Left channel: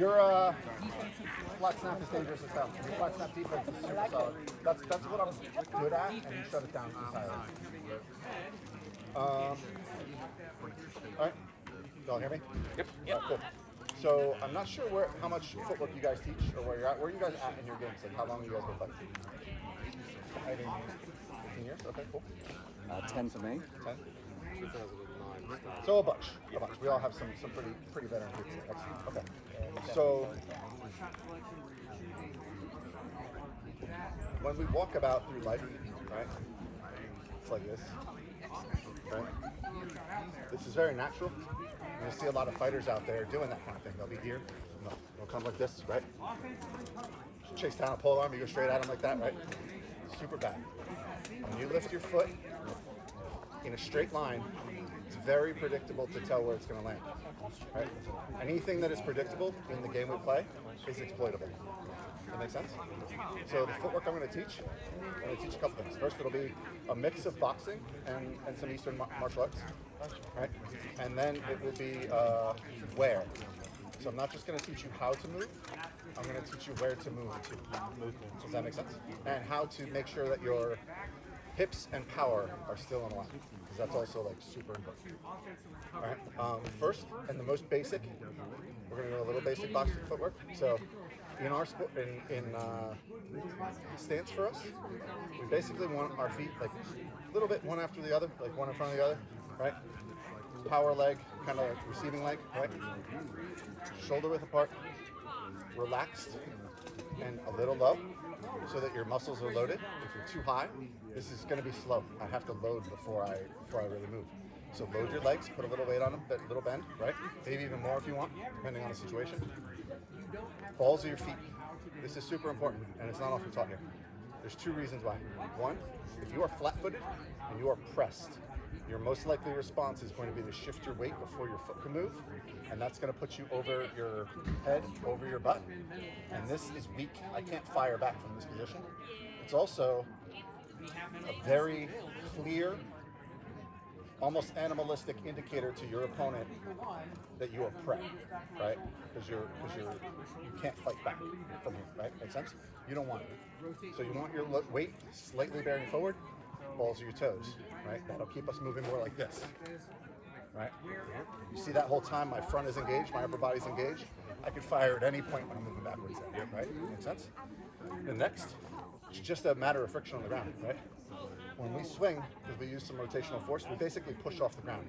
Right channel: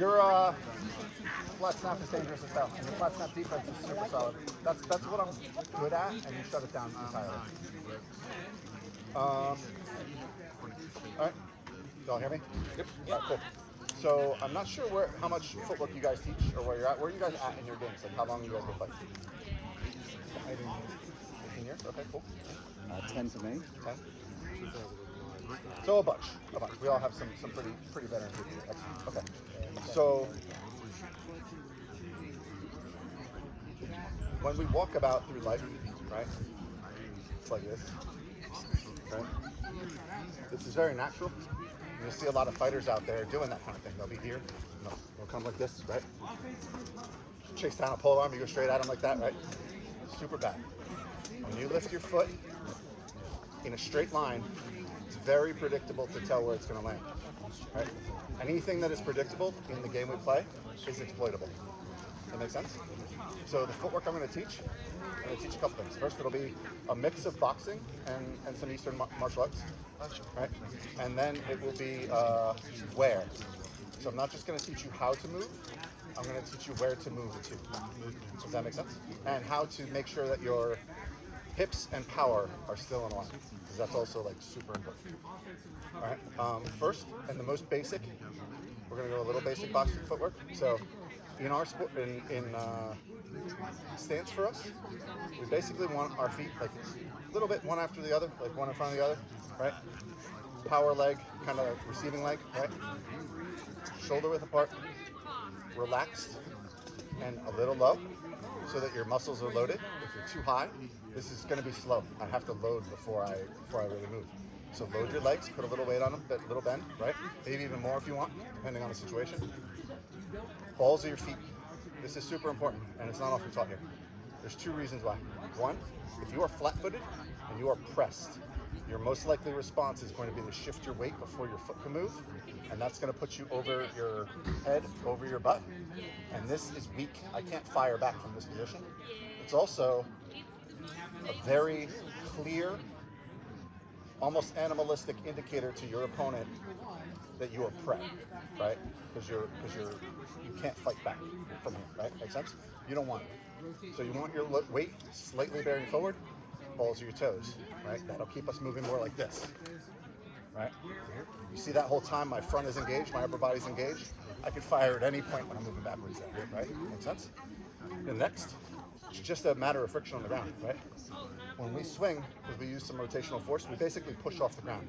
Your flat snap is dangerous as hell, and your flat snap defense is super solid. That's what I'm good at, and you shut it down entirely. All right, y'all hear me? Yep. All right, cool. So I'm not sure how much footwork you guys teach or where you're at. Where are you guys at in your games? Like how long you guys been playing? 15 years? Okay, cool. 10 for me. 10? So a bunch. We all have some pretty veteran groups here. Excellent. Okay. So when we walk about through life, right? It's like this. Right? This is very natural. You'll see a lot of fighters out there doing that kind of thing. They'll be here, they'll come like this, right? Chase down a pole arm, you go straight at them like that, right? Super bad. When you lift your foot in a straight line, it's very predictable to tell where it's going to land, right? Anything that is predictable in the game we play is exploitable. That makes sense? So the footwork I'm going to teach, I'm going to teach a couple things. First, it'll be a mix of boxing and some Eastern martial arts, right? And then it will be where. So I'm not just going to teach you how to move, I'm going to teach you where to move to. Does that make sense? And how to make sure that your hips and power are still in line, because that's also like super important. All right. First and the most basic, we're going to go a little basic boxing footwork. So in our sport, in stance for us, we basically want our feet like a little bit one after the other, like one in front of the other, right? Power leg, kind of receiving leg, right? Shoulder width apart, relaxed, and a little low, so that your muscles are loaded. If you're too high, this is going to be slow. I have to load before I really move. So load your legs, put a little weight on them, a little bend, right? Maybe even more if you want, depending on the situation. Balls of your feet. This is super important, and it's not often taught here. There's two reasons why. One, if you are flat-footed and you are pressed, your most likely response is going to be to shift your weight before your foot can move, and that's going to put you over your head, over your butt, and this is weak. I can't fire back from this position. It's also a very clear, almost animalistic indicator to your opponent that you are prey, right? Because you can't fight back from here, right? Make sense? You don't want it. So you want your weight slightly bearing forward, balls of your toes, right? That'll keep us moving more like this, right? You see that whole time my front is engaged, my upper body's engaged. I can fire at any point when I'm moving backwards, right? Make sense? And next, it's just a matter of friction on the ground, right? When we swing, because we use some rotational force, we basically push off the ground,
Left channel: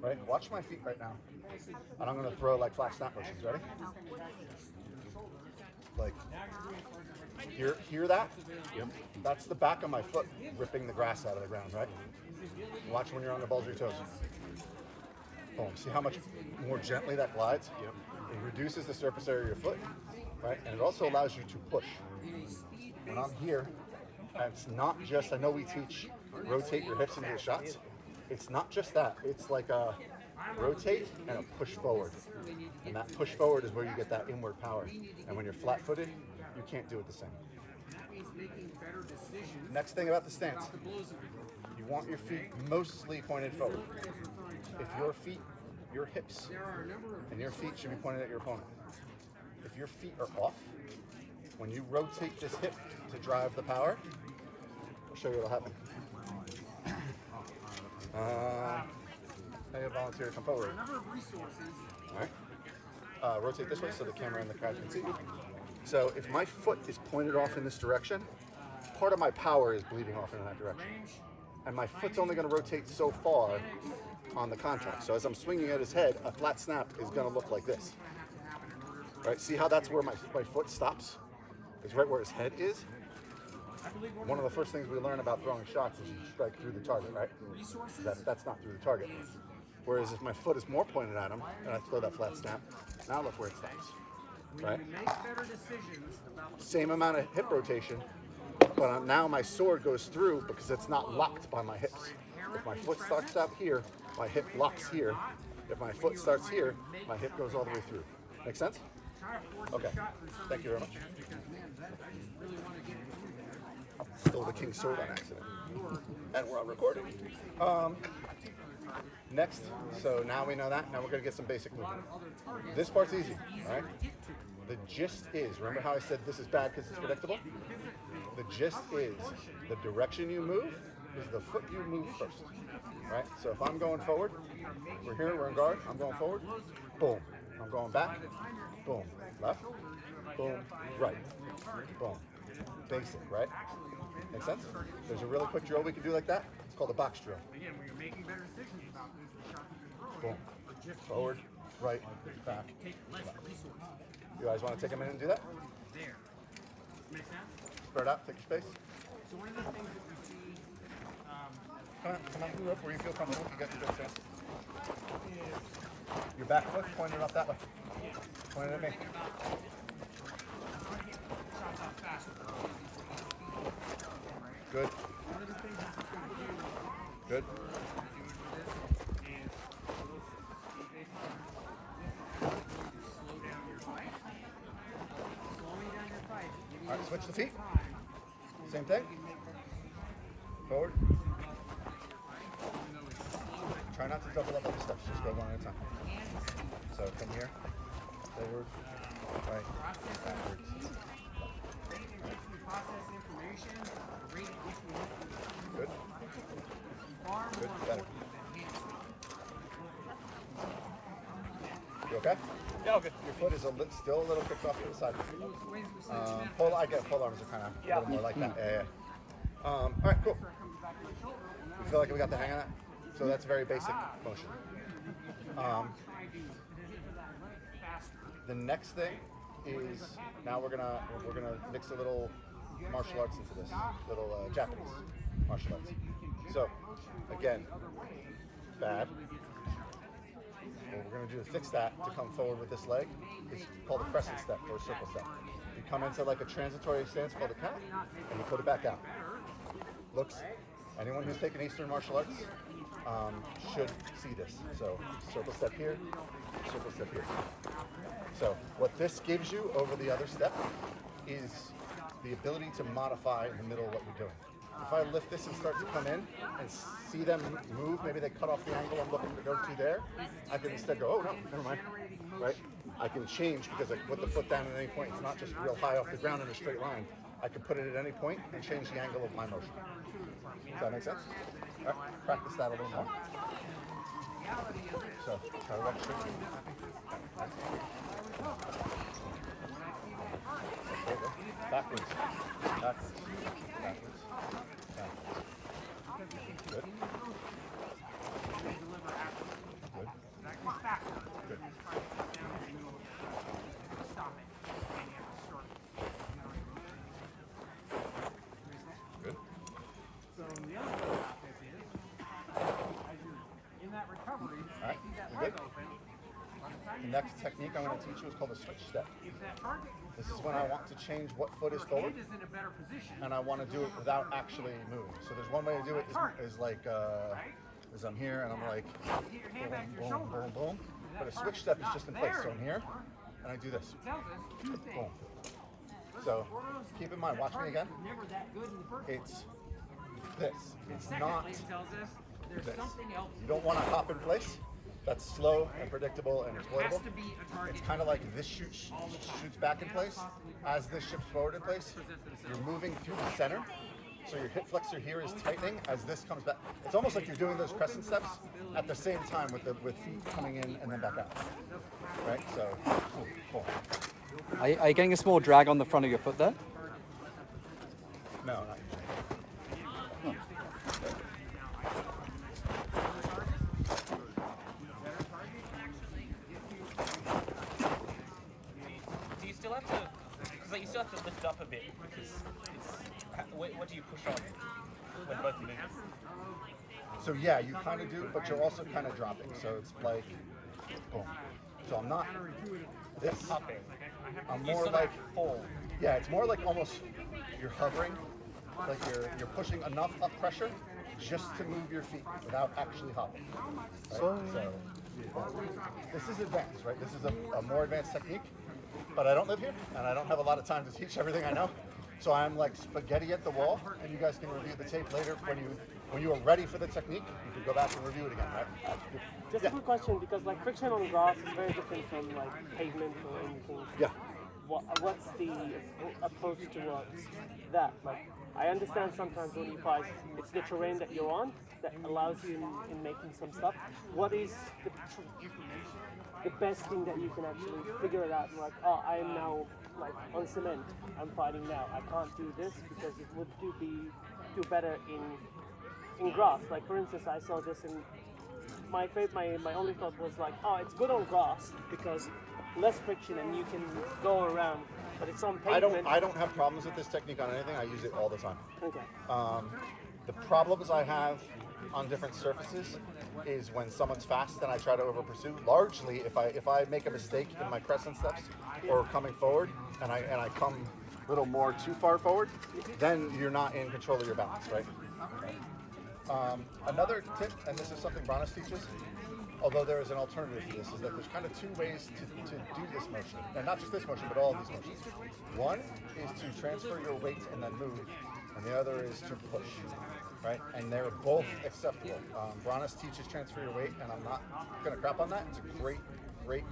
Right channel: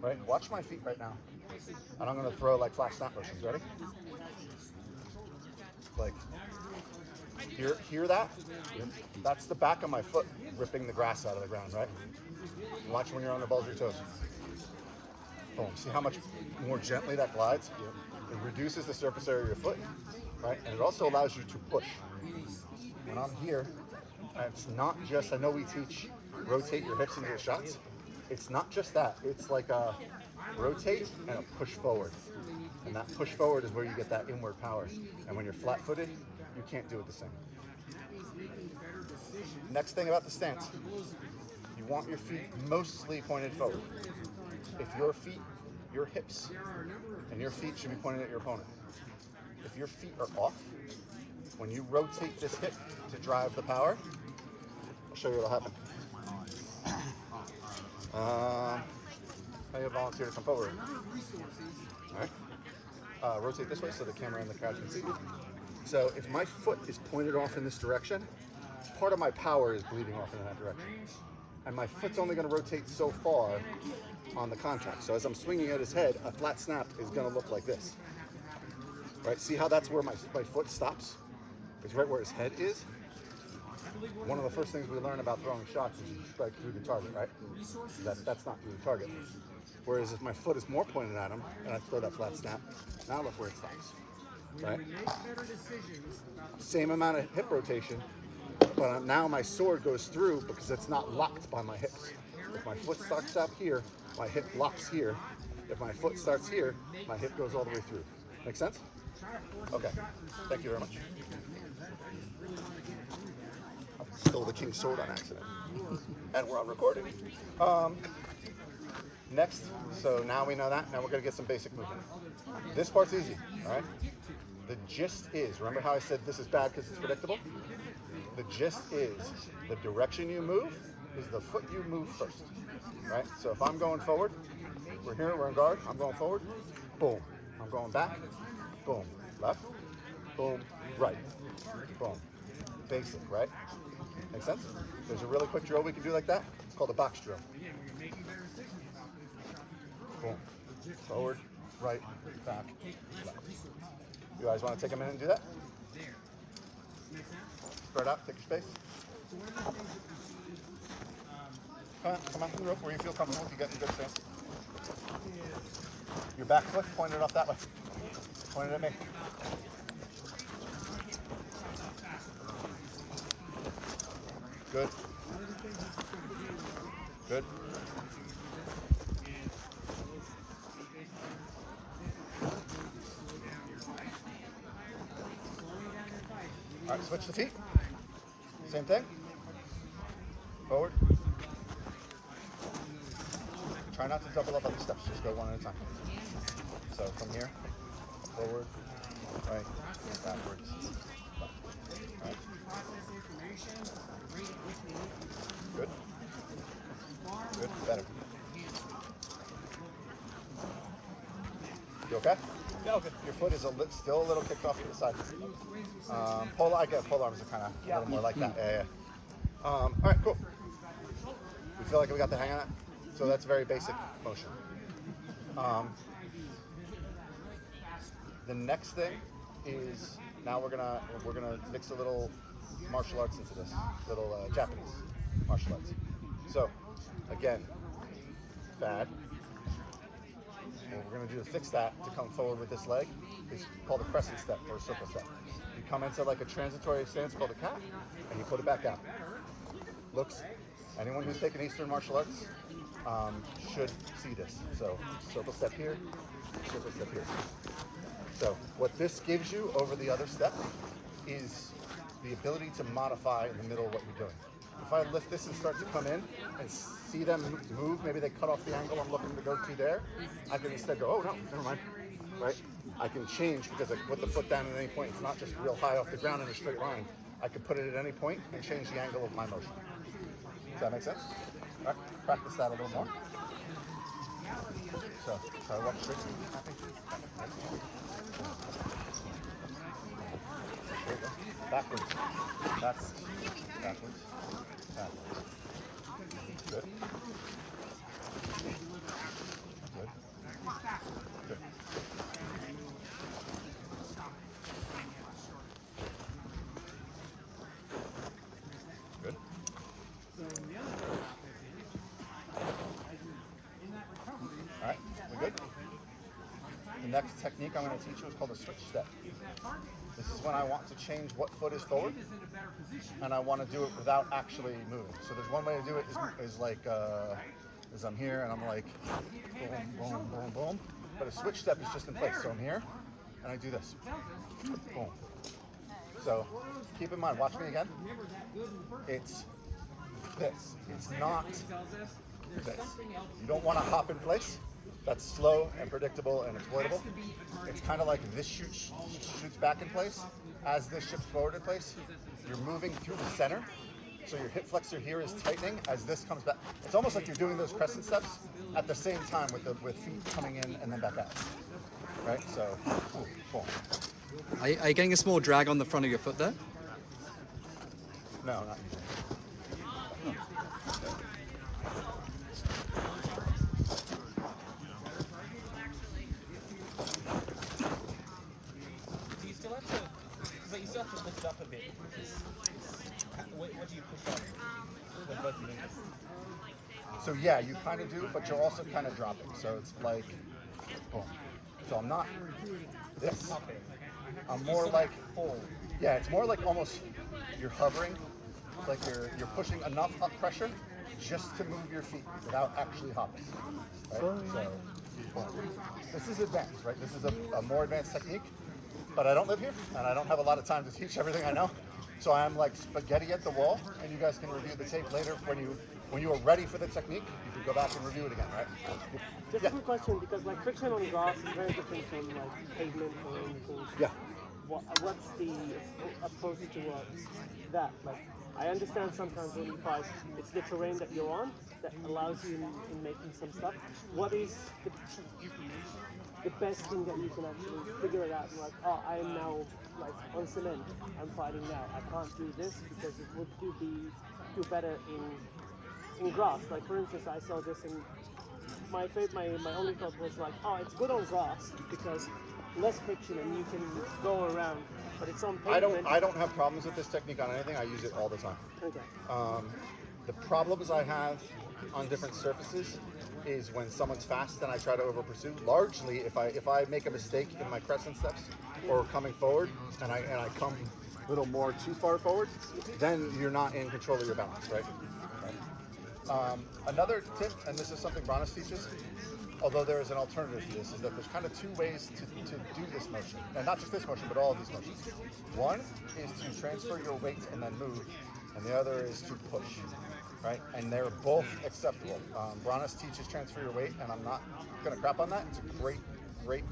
right? Watch my feet right now. And I'm going to throw like flat snap motions. Ready? Like, hear that? That's the back of my foot ripping the grass out of the ground, right? Watch when you're on the balls of your toes. Boom. See how much more gently that glides? It reduces the surface area of your foot, right? And it also allows you to push. When I'm here, it's not just, I know we teach rotate your hips into the shots. It's not just that. It's like a rotate and a push forward. And that push forward is where you get that inward power. And when you're flat-footed, you can't do it the same. Next thing about the stance, you want your feet mostly pointed forward. If your hips and your feet should be pointed at your opponent. If your feet are off, when you rotate this hip to drive the power, I'll show you what'll happen. I have a volunteer to come forward. All right. Rotate this way so the camera and the crowd can see you. So if my foot is pointed off in this direction, part of my power is bleeding off in that direction. And my foot's only going to rotate so far on the contact. So as I'm swinging at his head, a flat snap is going to look like this. Right? See how that's where my foot stops? It's right where his head is. One of the first things we learn about throwing shots is you strike through the target, right? That's not through the target. Whereas if my foot is more pointed at him and I throw that flat snap, now look where it stops, right? Same amount of hip rotation, but now my sword goes through because it's not locked by my hips. If my foot starts out here, my hip locks here. If my foot starts here, my hip goes all the way through. Make sense? Okay, thank you very much. Stole the king's sword on accident. And we're on recording. Next, so now we know that. Now we're going to get some basic movement. This part's easy, all right? the gist is, remember how I said this is bad because it's predictable? The gist is the direction you move is the foot you move first, right? So if I'm going forward, we're here, we're in guard, I'm going forward, boom. I'm going back, boom. Left, boom, right, boom. Basic, right? Make sense? There's a really quick drill we can do like that. It's called a box drill. Boom. Forward, right, back, left. You guys want to take a minute and do that? Spread out, take your space. Come on, through the rope where you feel comfortable to get your good stance. Your back foot pointed up that way. Pointed at me. Good. Good. All right, switch the feet. Same thing. Forward. Try not to double up on the steps. Just go one at a time. So from here, forward, right, backwards, left. Right. Good. Good. Better. You okay? Yeah, okay. Your foot is still a little kicked off to the side. I get pole arms are kind of a little more like that. Yeah. All right, cool. You feel like we got the hang of that? So that's very basic motion. The next thing is now we're gonna mix a little martial arts into this, little Japanese martial arts. So again, bad. What we're going to do to fix that, to come forward with this leg, is called a crescent step or a circle step. You come into like a transitory stance called a cat, and you put it back out. Looks, anyone who's taken Eastern martial arts should see this. So circle step here, circle step here. So what this gives you over the other step is the ability to modify in the middle of what you're doing. If I lift this and start to come in and see them move, maybe they cut off the angle I'm looking to go to there, I can instead go, oh no, never mind, right? I can change because I can put the foot down at any point. It's not just real high off the ground in a straight line. I can put it at any point and change the angle of my motion. Does that make sense? All right, practice that a little more. So, try to walk straight. There you go. Backwards, backwards, backwards, backwards. Good. Good. Good. Good. So the other thing about this is, in that recovery, all right, we good? The next technique I'm going to teach you is called a switch step. This is when I want to change what foot is forward, and I want to do it without actually moving. So there's one way to do it is like, is I'm here and I'm like, boom, boom, boom, boom. But a switch step is just in place. So I'm here, and I do this. Boom. So keep in mind, watch me again. It's this. It's not this. You don't want to hop in place. That's slow and predictable and exploitable. It's kind of like this shoots back in place. As this shifts forward in place, you're moving through the center. So your hip flexor here is tightening as this comes back. It's almost like you're doing those crescent steps at the same time with feet coming in and then back out. Right? So, boom. Are you getting a small drag on the front of your foot there? No, not usually. You still have to lift up a bit. What do you push up with both your fingers? So yeah, you kind of do, but you're also kind of dropping. So it's like, boom. So I'm not this. I'm more like, yeah, it's more like almost you're hovering, like you're pushing enough up pressure just to move your feet without actually hopping. Right? So this is advanced, right? This is a more advanced technique. But I don't live here, and I don't have a lot of time to teach everything I know. So I'm like spaghetti at the wall, and you guys can review the tape later. When you are ready for the technique, you can go back and review it again, right? Just a quick question, because like friction on grass is very different from like pavement or anything. Yeah. what's the approach towards that? Like, I understand sometimes when you fight, it's the terrain that you're on that allows you in making some stuff. What is the best thing that you can actually figure it out? Like, oh, I'm now like on cement. I'm fighting now. I can't do this because it would do better in grass. Like for instance, I saw this in my only thought was like, oh, it's good on grass because less friction and you can go around. But it's on pavement. I don't have problems with this technique on anything. I use it all the time. Okay. The problems I have on different surfaces is when someone's fast and I try to over pursue. Largely, if I make a mistake in my crescent steps or coming forward and I come a little more too far forward, then you're not in control of your balance, right? Another tip, and this is something Rowany teaches, although there is an alternative to this, is that there's kind of two ways to do this motion, and not just this motion, but all of these motions. One is to transfer your weight and then move, and the other is to push, right? And they're both acceptable. Rowany teaches transfer your weight, and I'm not going to crap on that. It's a great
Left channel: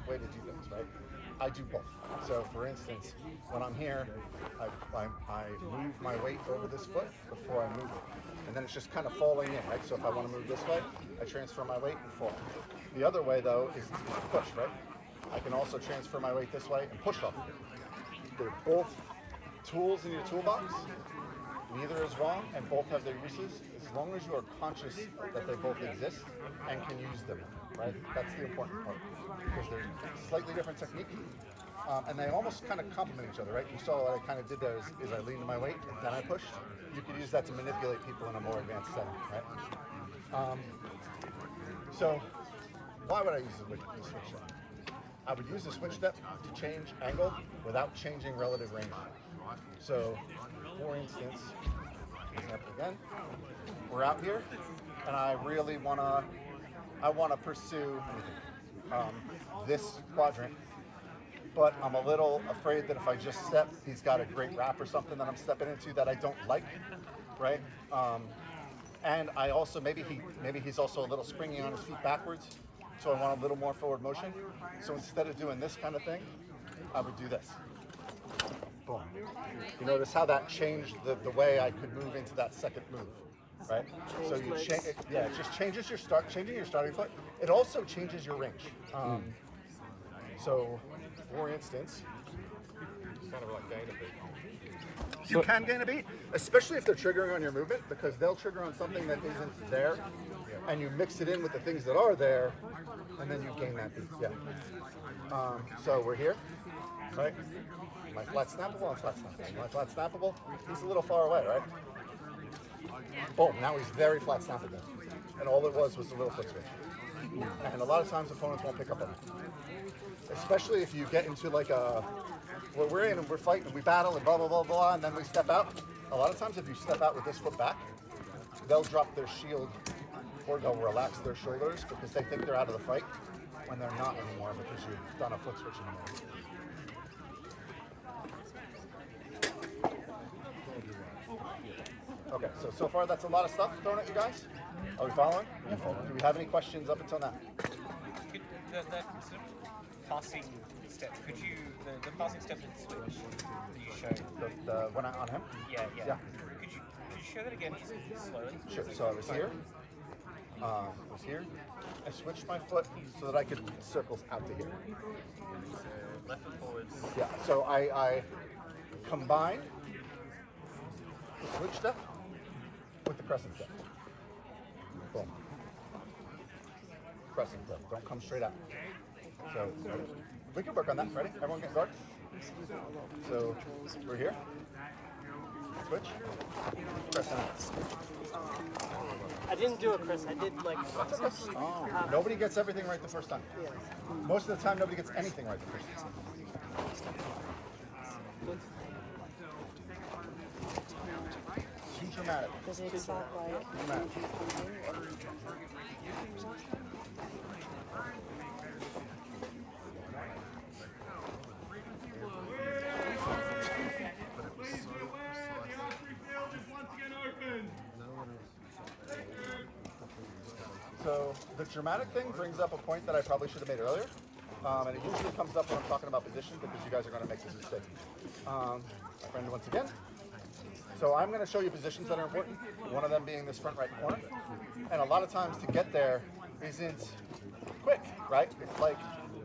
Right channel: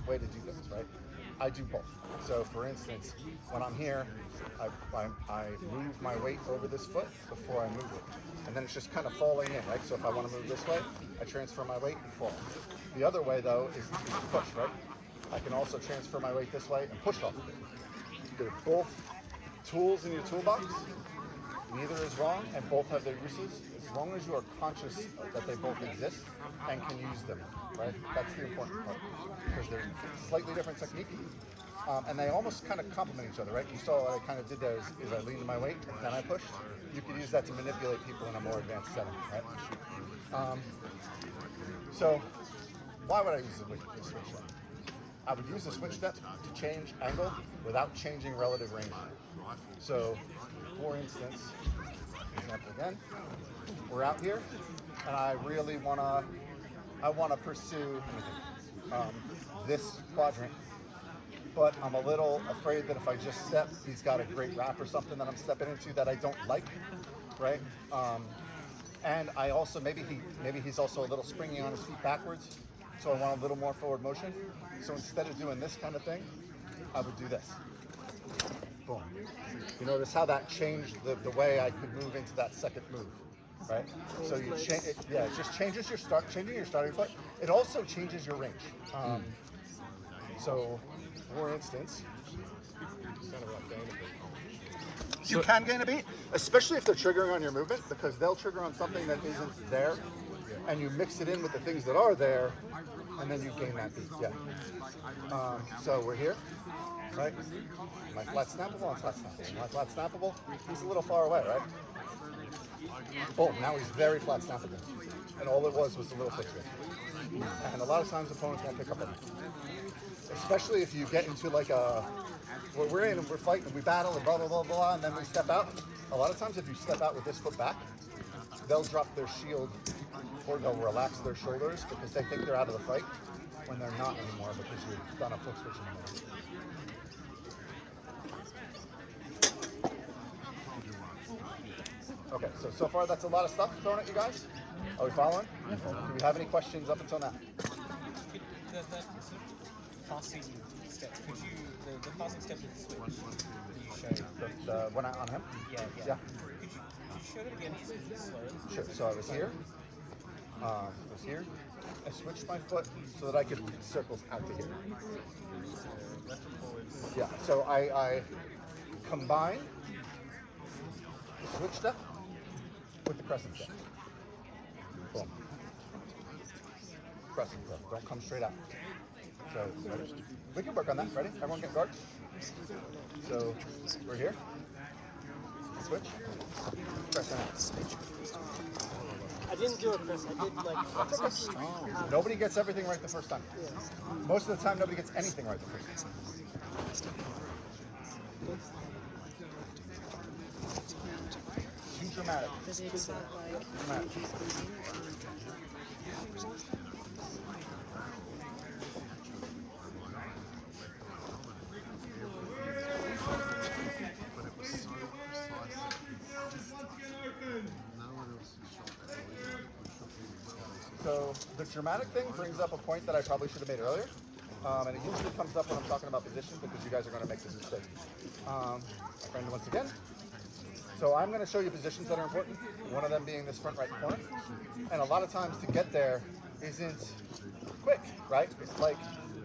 way to do things, right? I do both. So, for instance, when I'm here, I move my weight over this foot before I move it. And then it's just kind of falling in, right? So if I want to move this way, I transfer my weight and fall. The other way, though, is to push, right? I can also transfer my weight this way and push off of it. They're both tools in your toolbox. Neither is wrong, and both have their uses, as long as you are conscious that they both exist and can use them, right? That's the important part, because they're slightly different techniques. And they almost kind of complement each other, right? You saw what I kind of did there is I leaned to my weight and then I pushed. You could use that to manipulate people in a more advanced setting, right? So why would I use the switch step? I would use the switch step to change angle without changing relative range. So, for instance, example again, we're out here and I really want to pursue, let me think, this quadrant. But I'm a little afraid that if I just step, he's got a great wrap or something that I'm stepping into that I don't like, right? And I also, maybe he's also a little springy on his feet backwards, so I want a little more forward motion. So instead of doing this kind of thing, I would do this. Boom. You notice how that changed the way I could move into that second move, right? So you change, yeah, it just changes your changing your starting foot. It also changes your range. So, for instance, kind of like gain a beat. You can gain a beat, especially if they're triggering on your movement, because they'll trigger on something that isn't there, and you mix it in with the things that are there, and then you gain that beat. Yeah. So we're here, right? My flat snappable and flat snappable. My flat snappable, he's a little far away, right? Boom, now he's very flat snappable. And all it was a little foot switch. And a lot of times opponents won't pick up on that. Especially if you get into like where we're in and we're fighting and we battle and blah, blah, blah, blah, and then we step out. A lot of times if you step out with this foot back, they'll drop their shield or they'll relax their shoulders because they think they're out of the fight when they're not anymore because you've done a foot switch in the middle. Okay, so far that's a lot of stuff thrown at you guys. Are we following? Do we have any questions up until now? That passing step, the passing step of the switch that you showed. The one on him? Yeah. Yeah. Could you show that again, just slowly? Sure, so I was here, I switched my foot so that I could circles out to here. Left and forwards. Yeah, so I combined the switch step with the crescent step. Boom. Crescent step, don't come straight out. So, ready? We can work on that, ready? Everyone get guard? So, we're here. Switch. Crescent out. I didn't do a press, I did like... That's okay. Nobody gets everything right the first time. Most of the time, nobody gets anything right the first time. Too dramatic. Too dramatic. So the dramatic thing brings up a point that I probably should have made earlier. And it usually comes up when I'm talking about position because you guys are going to make this mistake. My friend once again. So I'm going to show you positions that are important, one of them being this front right corner. And a lot of times to get there isn't quick, right? It's like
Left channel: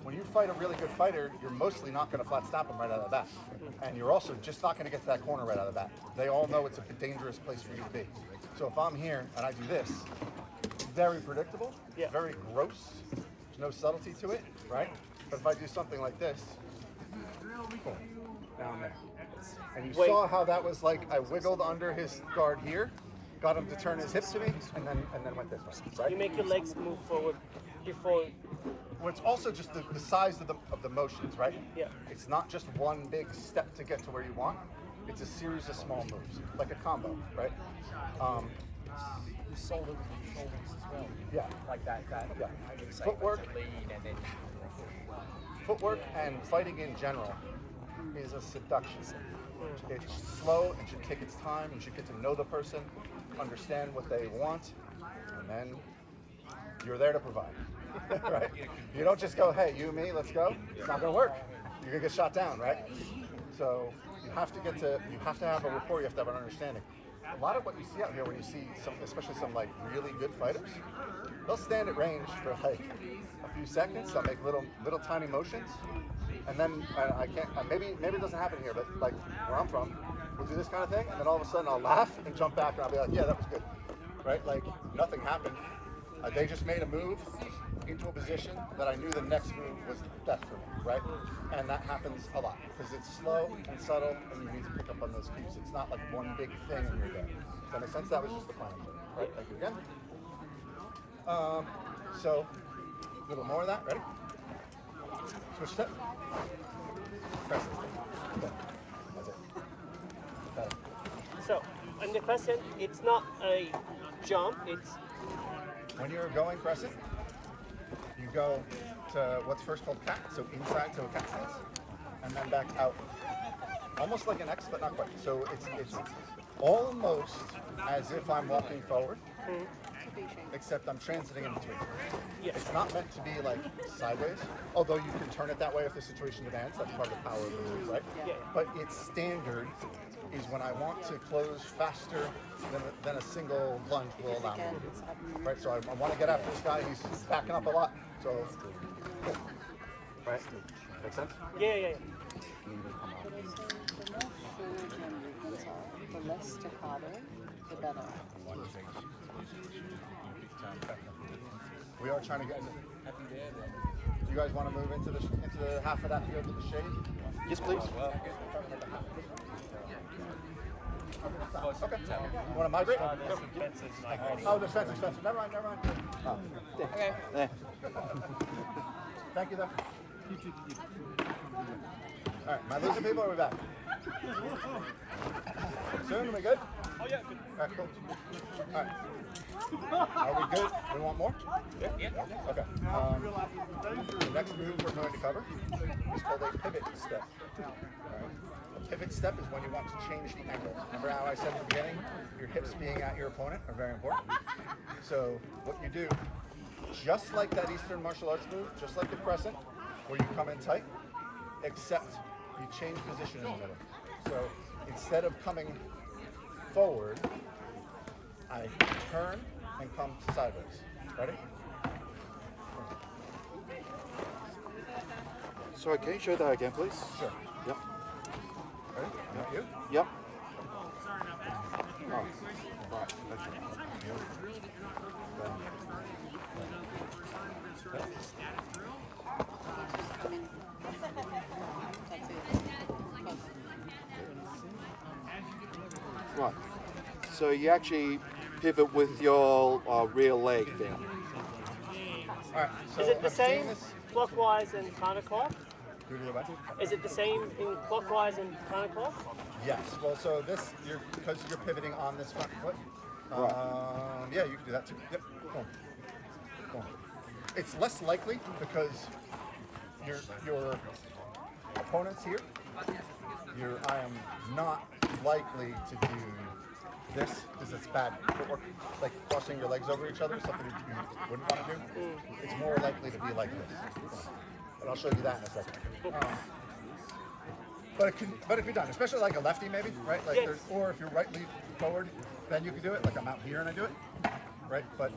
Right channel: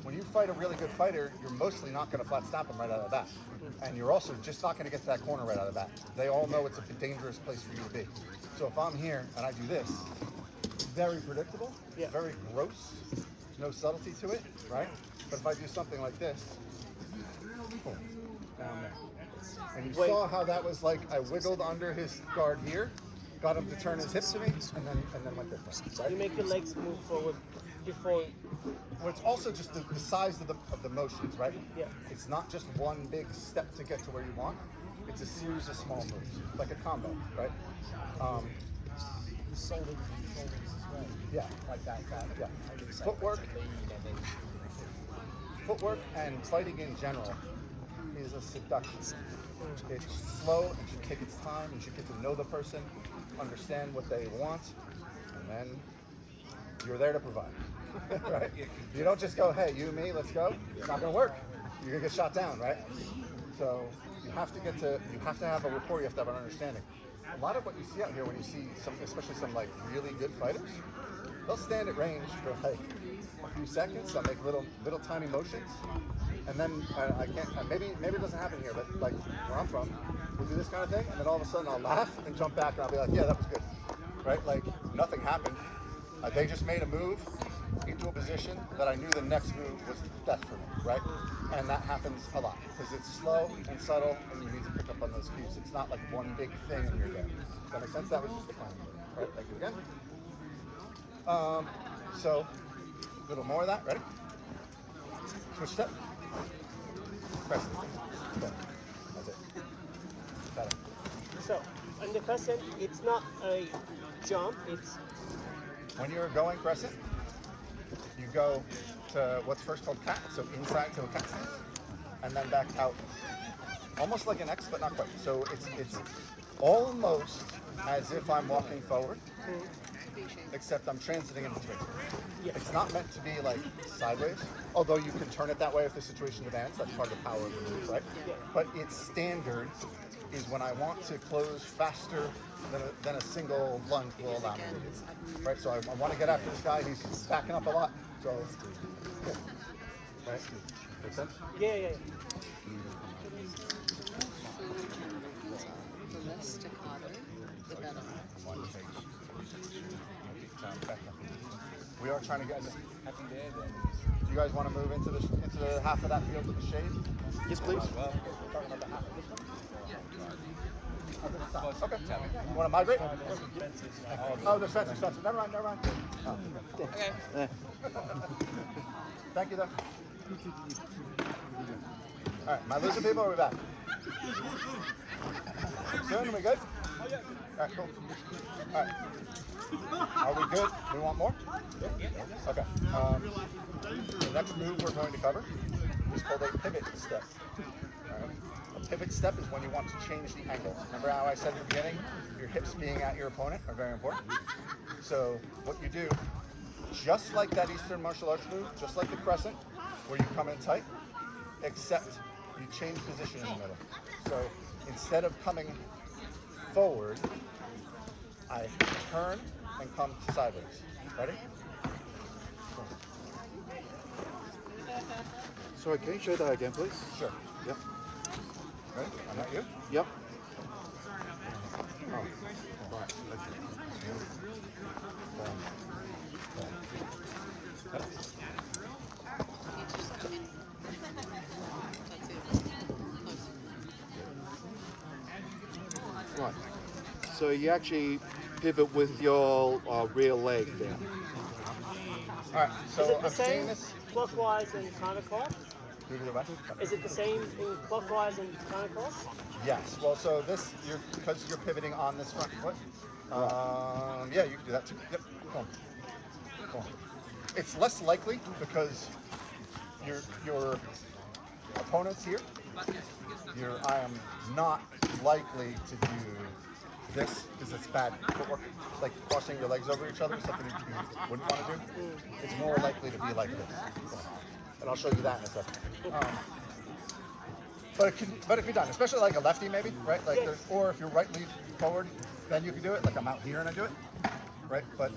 when you fight a really good fighter, you're mostly not going to flat snap them right out of the bat. And you're also just not going to get to that corner right out of the bat. They all know it's a dangerous place for you to be. So if I'm here and I do this, very predictable, very gross, there's no subtlety to it, right? But if I do something like this, boom, down there. And you saw how that was like, I wiggled under his guard here, got him to turn his hip to me, and then went this way, right? You make your legs move forward before. Well, it's also just the size of the motions, right? Yeah. It's not just one big step to get to where you want. It's a series of small moves, like a combo, right? Yeah. Like that. Yeah. Footwork and fighting in general is a seduction. It's slow, it should take its time, you should get to know the person, understand what they want, and then you're there to provide. Right? You don't just go, hey, you and me, let's go. It's not gonna work. You're gonna get shot down, right? So you have to have a rapport, you have to have an understanding. A lot of what you see out here when you see some, especially some like really good fighters, they'll stand at range for like a few seconds, they'll make little tiny motions, and then I can't, maybe it doesn't happen here, but like where I'm from, we'll do this kind of thing, and then all of a sudden I'll laugh and jump back and I'll be like, yeah, that was good, right? Like nothing happened. They just made a move into a position that I knew the next move was death for me, right? And that happens a lot because it's slow and subtle and you need to pick up on those cues. It's not like one big thing and you're there. Does that make sense? That was just the plan. All right, thank you again. So, a little more of that, ready? Switch step. Press it. Okay. That's it. Got it. So, in the crescent, it's not a jump, it's... When you're going crescent, you go to what's first called cat, so inside to a cat stance, and then back out. Almost like an X, but not quite. So it's almost as if I'm walking forward, except I'm transiting in between. It's not meant to be like sideways, although you can turn it that way if the situation demands. That's part of the power of the move, right? But its standard is when I want to close faster than a single lunge will allow me to do. Right, so I want to get after this guy. He's backing up a lot. So, cool. Right? Make sense? Yeah. The less staccato, the better. We are trying to get happy there. Do you guys want to move into the half of that field with the shade? Yes, please. We're talking about the half of this one. Okay. You want to migrate? Oh, the fence. Never mind. Okay. Thank you, though. All right, my loser people, are we back? Soon, are we good? All right, cool. All right. Are we good? We want more? Yeah. Okay. The next move we're going to cover is called a pivot step. All right. A pivot step is when you want to change the angle. Remember how I said at the beginning, your hips being at your opponent are very important? So what you do, just like that Eastern martial arts move, just like the crescent, where you come in tight, except you change position in the middle. So instead of coming forward, I turn and come sideways. Ready? Sorry, can you show that again, please? Sure. Yep. Ready? I'm not you? Yep. Sorry about that. That's a very good question. Anytime you do a drill that you're not comfortable with, you start it, you've done it for the first time, we're going to start with a static drill. Right. So you actually pivot with your rear leg then. All right. Is So it the I'm seeing same this. clockwise and counterclockwise? Move to the right. Is it the same in clockwise and counterclockwise? Yes. Well, so this, because you're pivoting on this front foot. Yeah, you can do that too. Yep. Cool. It's less likely because your opponent's here. I am not likely to do this because it's bad footwork. Like crossing your legs over each other is something you wouldn't want to do. It's more likely to be like this. and I'll show you that in a second. But it can be done, especially like a lefty maybe, right? Like or if you're right lead forward, then you can do it. Like I'm out here and I do it, right? But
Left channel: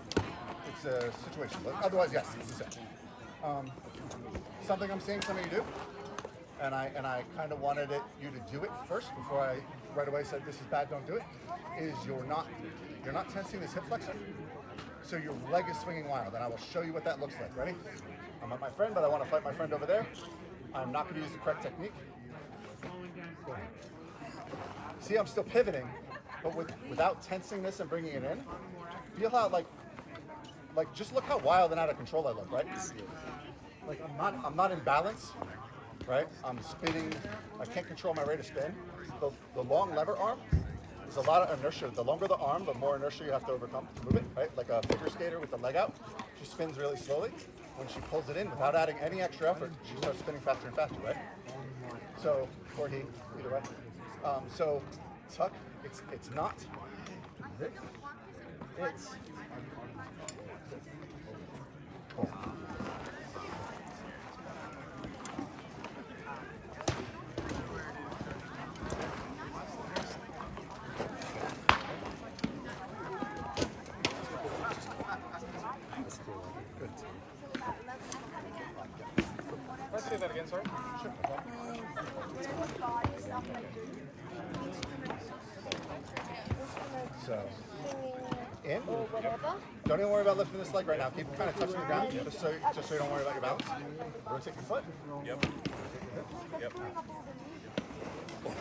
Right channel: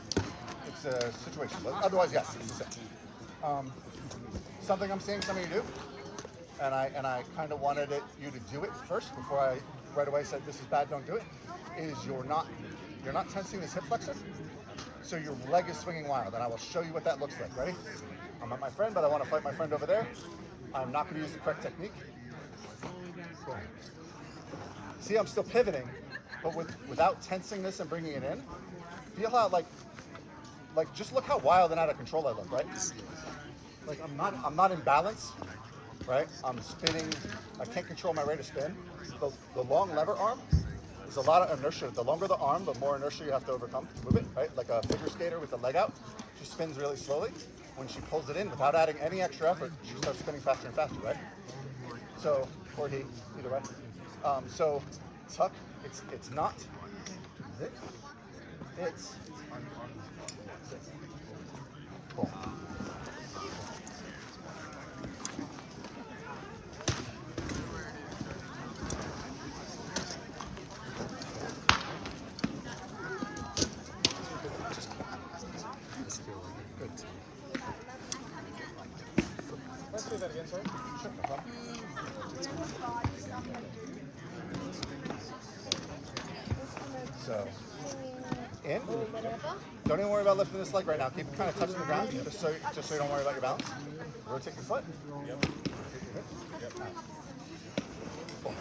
it's a situation. But otherwise, yes, it's the same. Something I'm seeing some of you do, and I kind of wanted you to do it first before I right away said this is bad, don't do it. Is you're not tensing this hip flexor, so your leg is swinging wild, and I will show you what that looks like. Ready? I'm at my friend, but I want to fight my friend over there. I'm not going to use the correct technique. See, I'm still pivoting, but without tensing this and bringing it in. Feel how like just look how wild and out of control I look, right? Like I'm not in balance, right? I'm spinning. I can't control my rate of spin. The long lever arm is a lot of inertia. The longer the arm, the more inertia you have to overcome to move it, right? Like a figure skater with the leg out, she spins really slowly. When she pulls it in without adding any extra effort, she starts spinning faster and faster, right? So, or he, either way. So, tuck, it's not this, it's pull. Let's say that again, sorry. Sure, no problem. So, in. Don't even worry about lifting this leg right now. Keep it kind of touching the ground, just so you don't worry about your balance. Rotate your foot. Yep. Rotate your hip. Yep. Pull.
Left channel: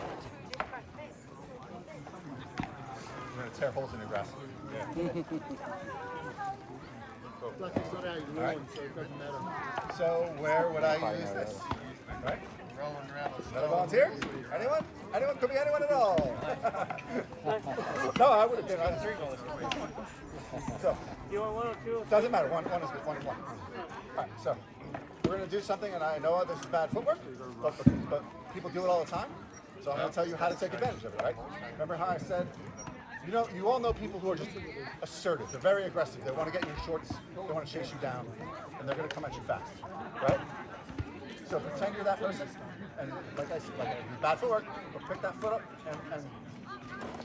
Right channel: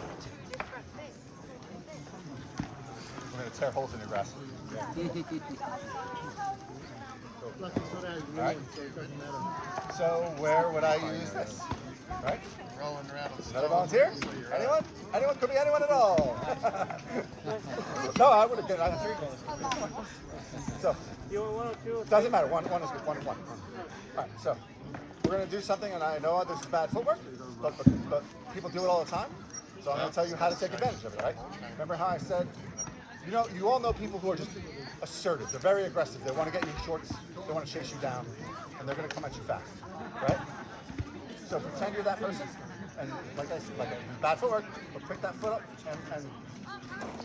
You're going to tear holes in your grass. All right. So where would I use this? Right? Rolling around. Another volunteer? Anyone? Anyone? Could be anyone at all. No, I would have been. I 3 goals. So You want 1 or 2 or 3? doesn't matter. One is good. One. All right. So we're gonna do something, and I know this is bad footwork, but people do it all the time. So I'm gonna tell you how to take advantage of it. Right? Remember how I said, you all know people who are just assertive. They're very aggressive. They want to get you in shorts. They want to chase you down, and they're gonna come at you fast. Right? So pretend you're that person, and like I said, bad footwork, but pick that foot up and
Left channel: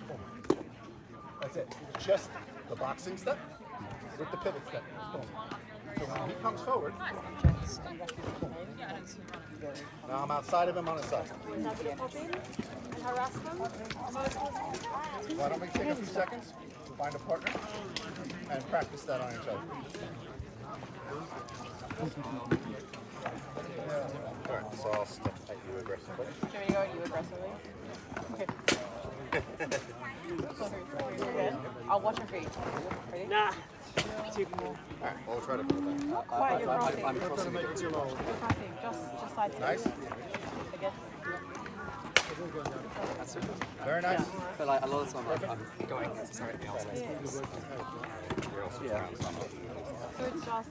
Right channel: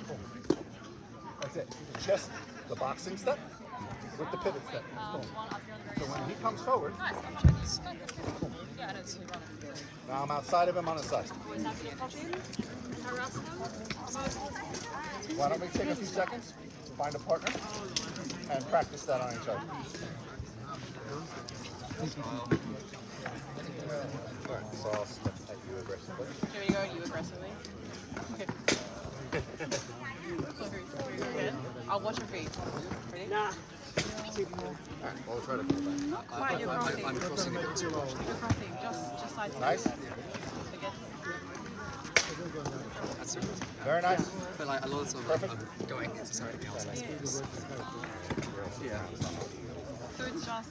boom. That's it. Just the boxing step with the pivot step. Boom. So when he comes forward, boom. Now I'm outside of him on his side. Why don't we take a few seconds, find a partner, and practice that on each other. So I'll step at you aggressively. Here we go, you aggressively. Okay. I'll watch your feet. Ready? Nah. We'll try to. I'm crossing it. You're passing, just side to Nice. Again. That's okay. Very nice. But like a lot of the time Perfect. I'm going into something else, I suppose. Yeah. So it's just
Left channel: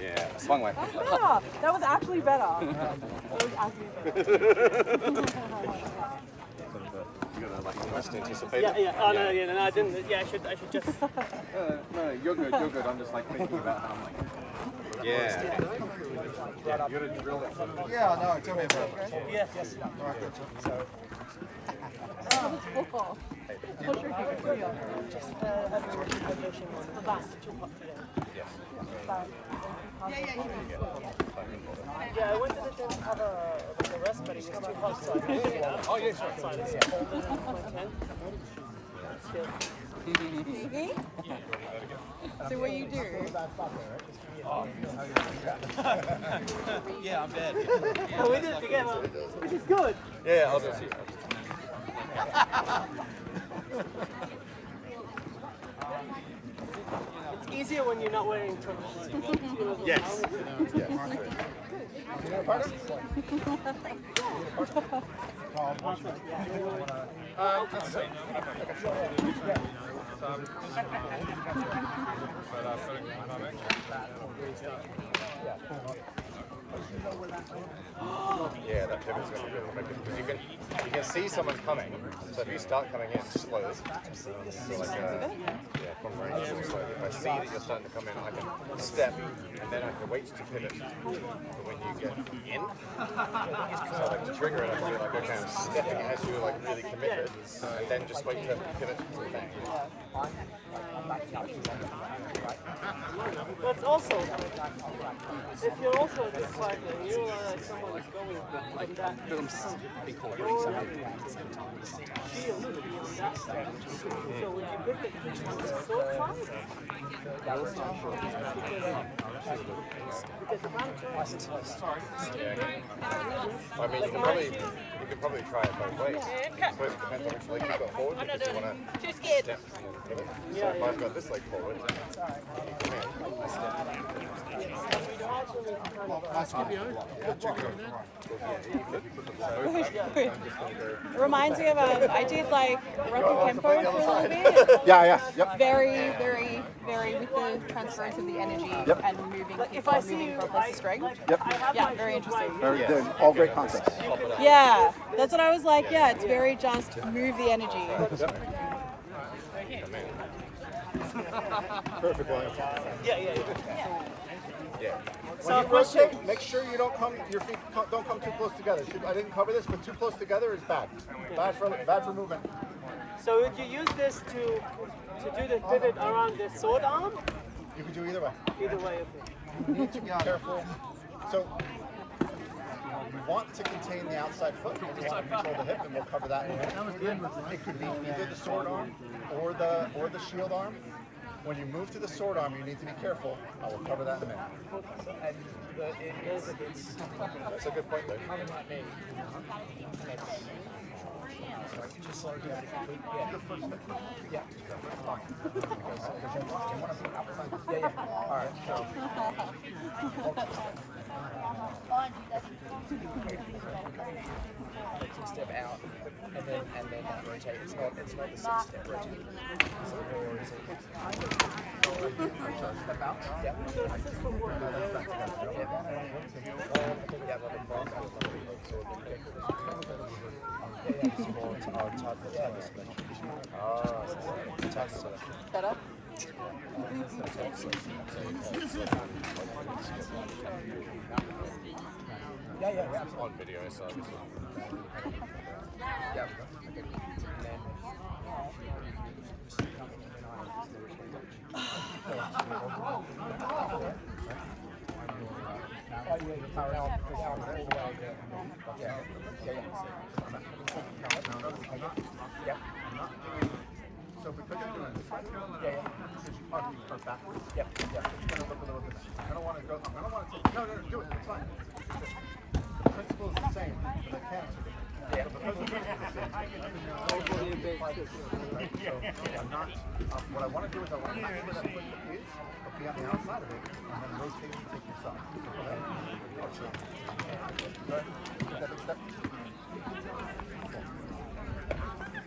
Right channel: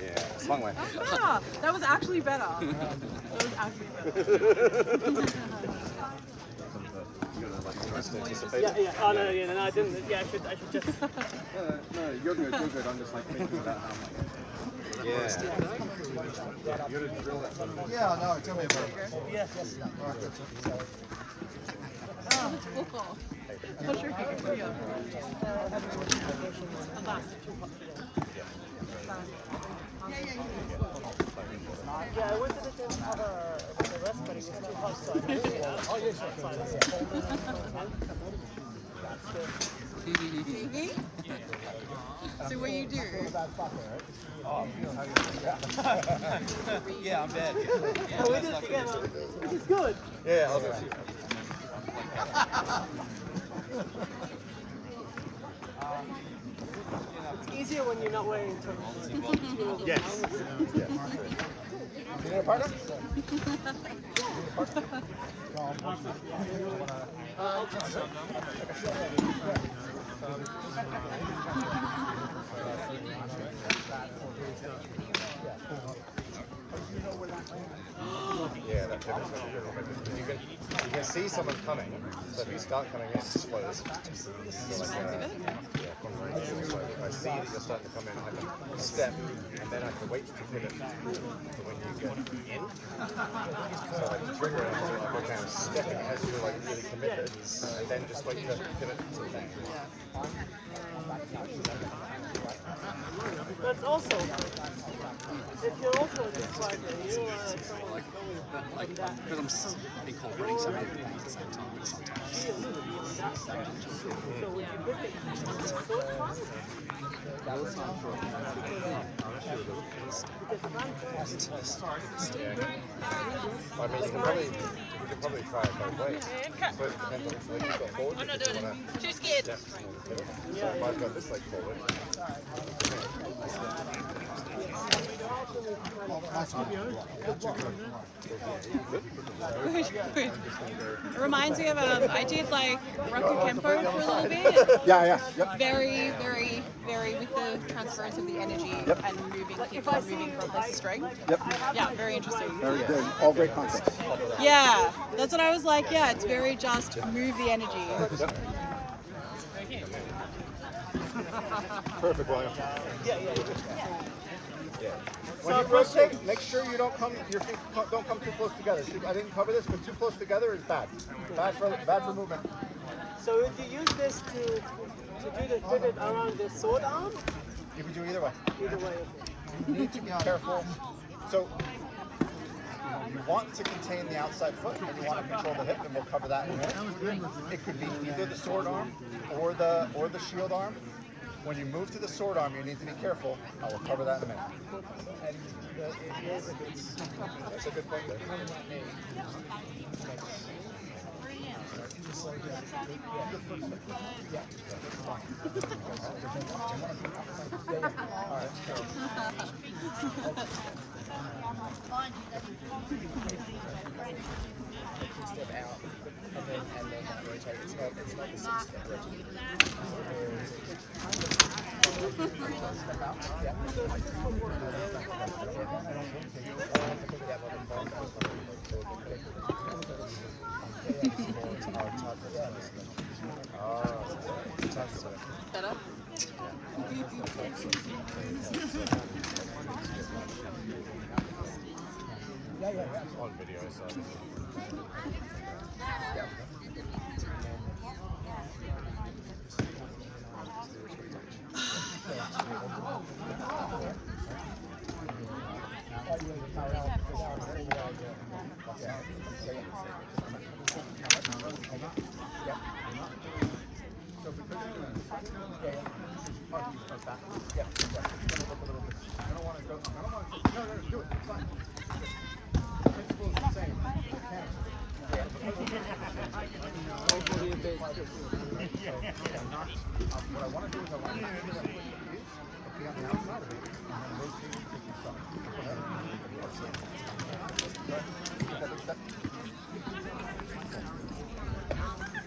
Yeah, it's a long way. Ah, that was actually better. That was actually better. Trust anticipated. Yeah. Oh, no, I didn't. Yeah, I should just. No, you're good. I'm just like thinking about how. Yeah. Yeah, no, tell me about it. Yeah. Oh, it's full. Push your hips. Here you go. Back. Yeah, you can. Yeah, I went to the rest, but he's come up. Oh, yes, So what you do? Oh, Yeah, I'm dead. We did it together, which is good. Yeah, I'll see. It's easier when you're not wearing clothes. Yes. You need a partner? You need a partner? You wanna... You know where that Yeah, that pivot's not good. You can see someone coming, so if you start coming in, just close. Sounds good. Yeah. I see that you're starting to come in like a step, and then the weight's too big. When you get in, so trigger it, you're kind of stepping as you're like really committed, and then just wait to pivot. That's also, if you're also because I'm incorporating so many different things at the same time, but sometimes. I mean, we could probably try it both ways. So it depends on which leg you've got forward. I'm not if you doing wanna- it. Too scared. Yeah. So if I've got this leg forward. Reminds me of I did like Rocky Kempo for a little bit. Yeah, yep. Very with the transference of the energy and moving from place to strength. Yep. Yeah, very interesting. Very good. All great concepts. Yeah, that's what I was like. Yeah, it's very just move the energy. Yep. Perfect, William. When you rotate, make sure your feet don't come too close together. I didn't cover this, but too close together is bad. Bad for movement. So would you use this to do the pivot around the sword arm? You can do either way. Either way. You need to be careful. So you want to contain the outside foot, and you want to control the hip, and we'll cover that in a minute. It could be either the sword arm or the shield arm. When you move to the sword arm, you need to be careful. I will cover that in a minute. And it's a good point though. Coming at me. Just like yeah. All right. So. Step out and then rotate. It's not the 6-step rotate. Step out. Yeah. No, that's back together. I don't rotate. Set up. Yeah, absolutely. On video, so. Yeah. So because you're doing this, or backwards, Yep. it's going to look a little different. I'm going to want to go. No, do it. It's fine. The principle is the same. The mechanics are different. Yeah. So because the principle is the same, we apply this. Right? So I'm not. What I want to do is I want to match where that foot is, but be on the outside of it, and then rotate and take yourself. So go ahead. Yeah, so. Go ahead. Take that big step.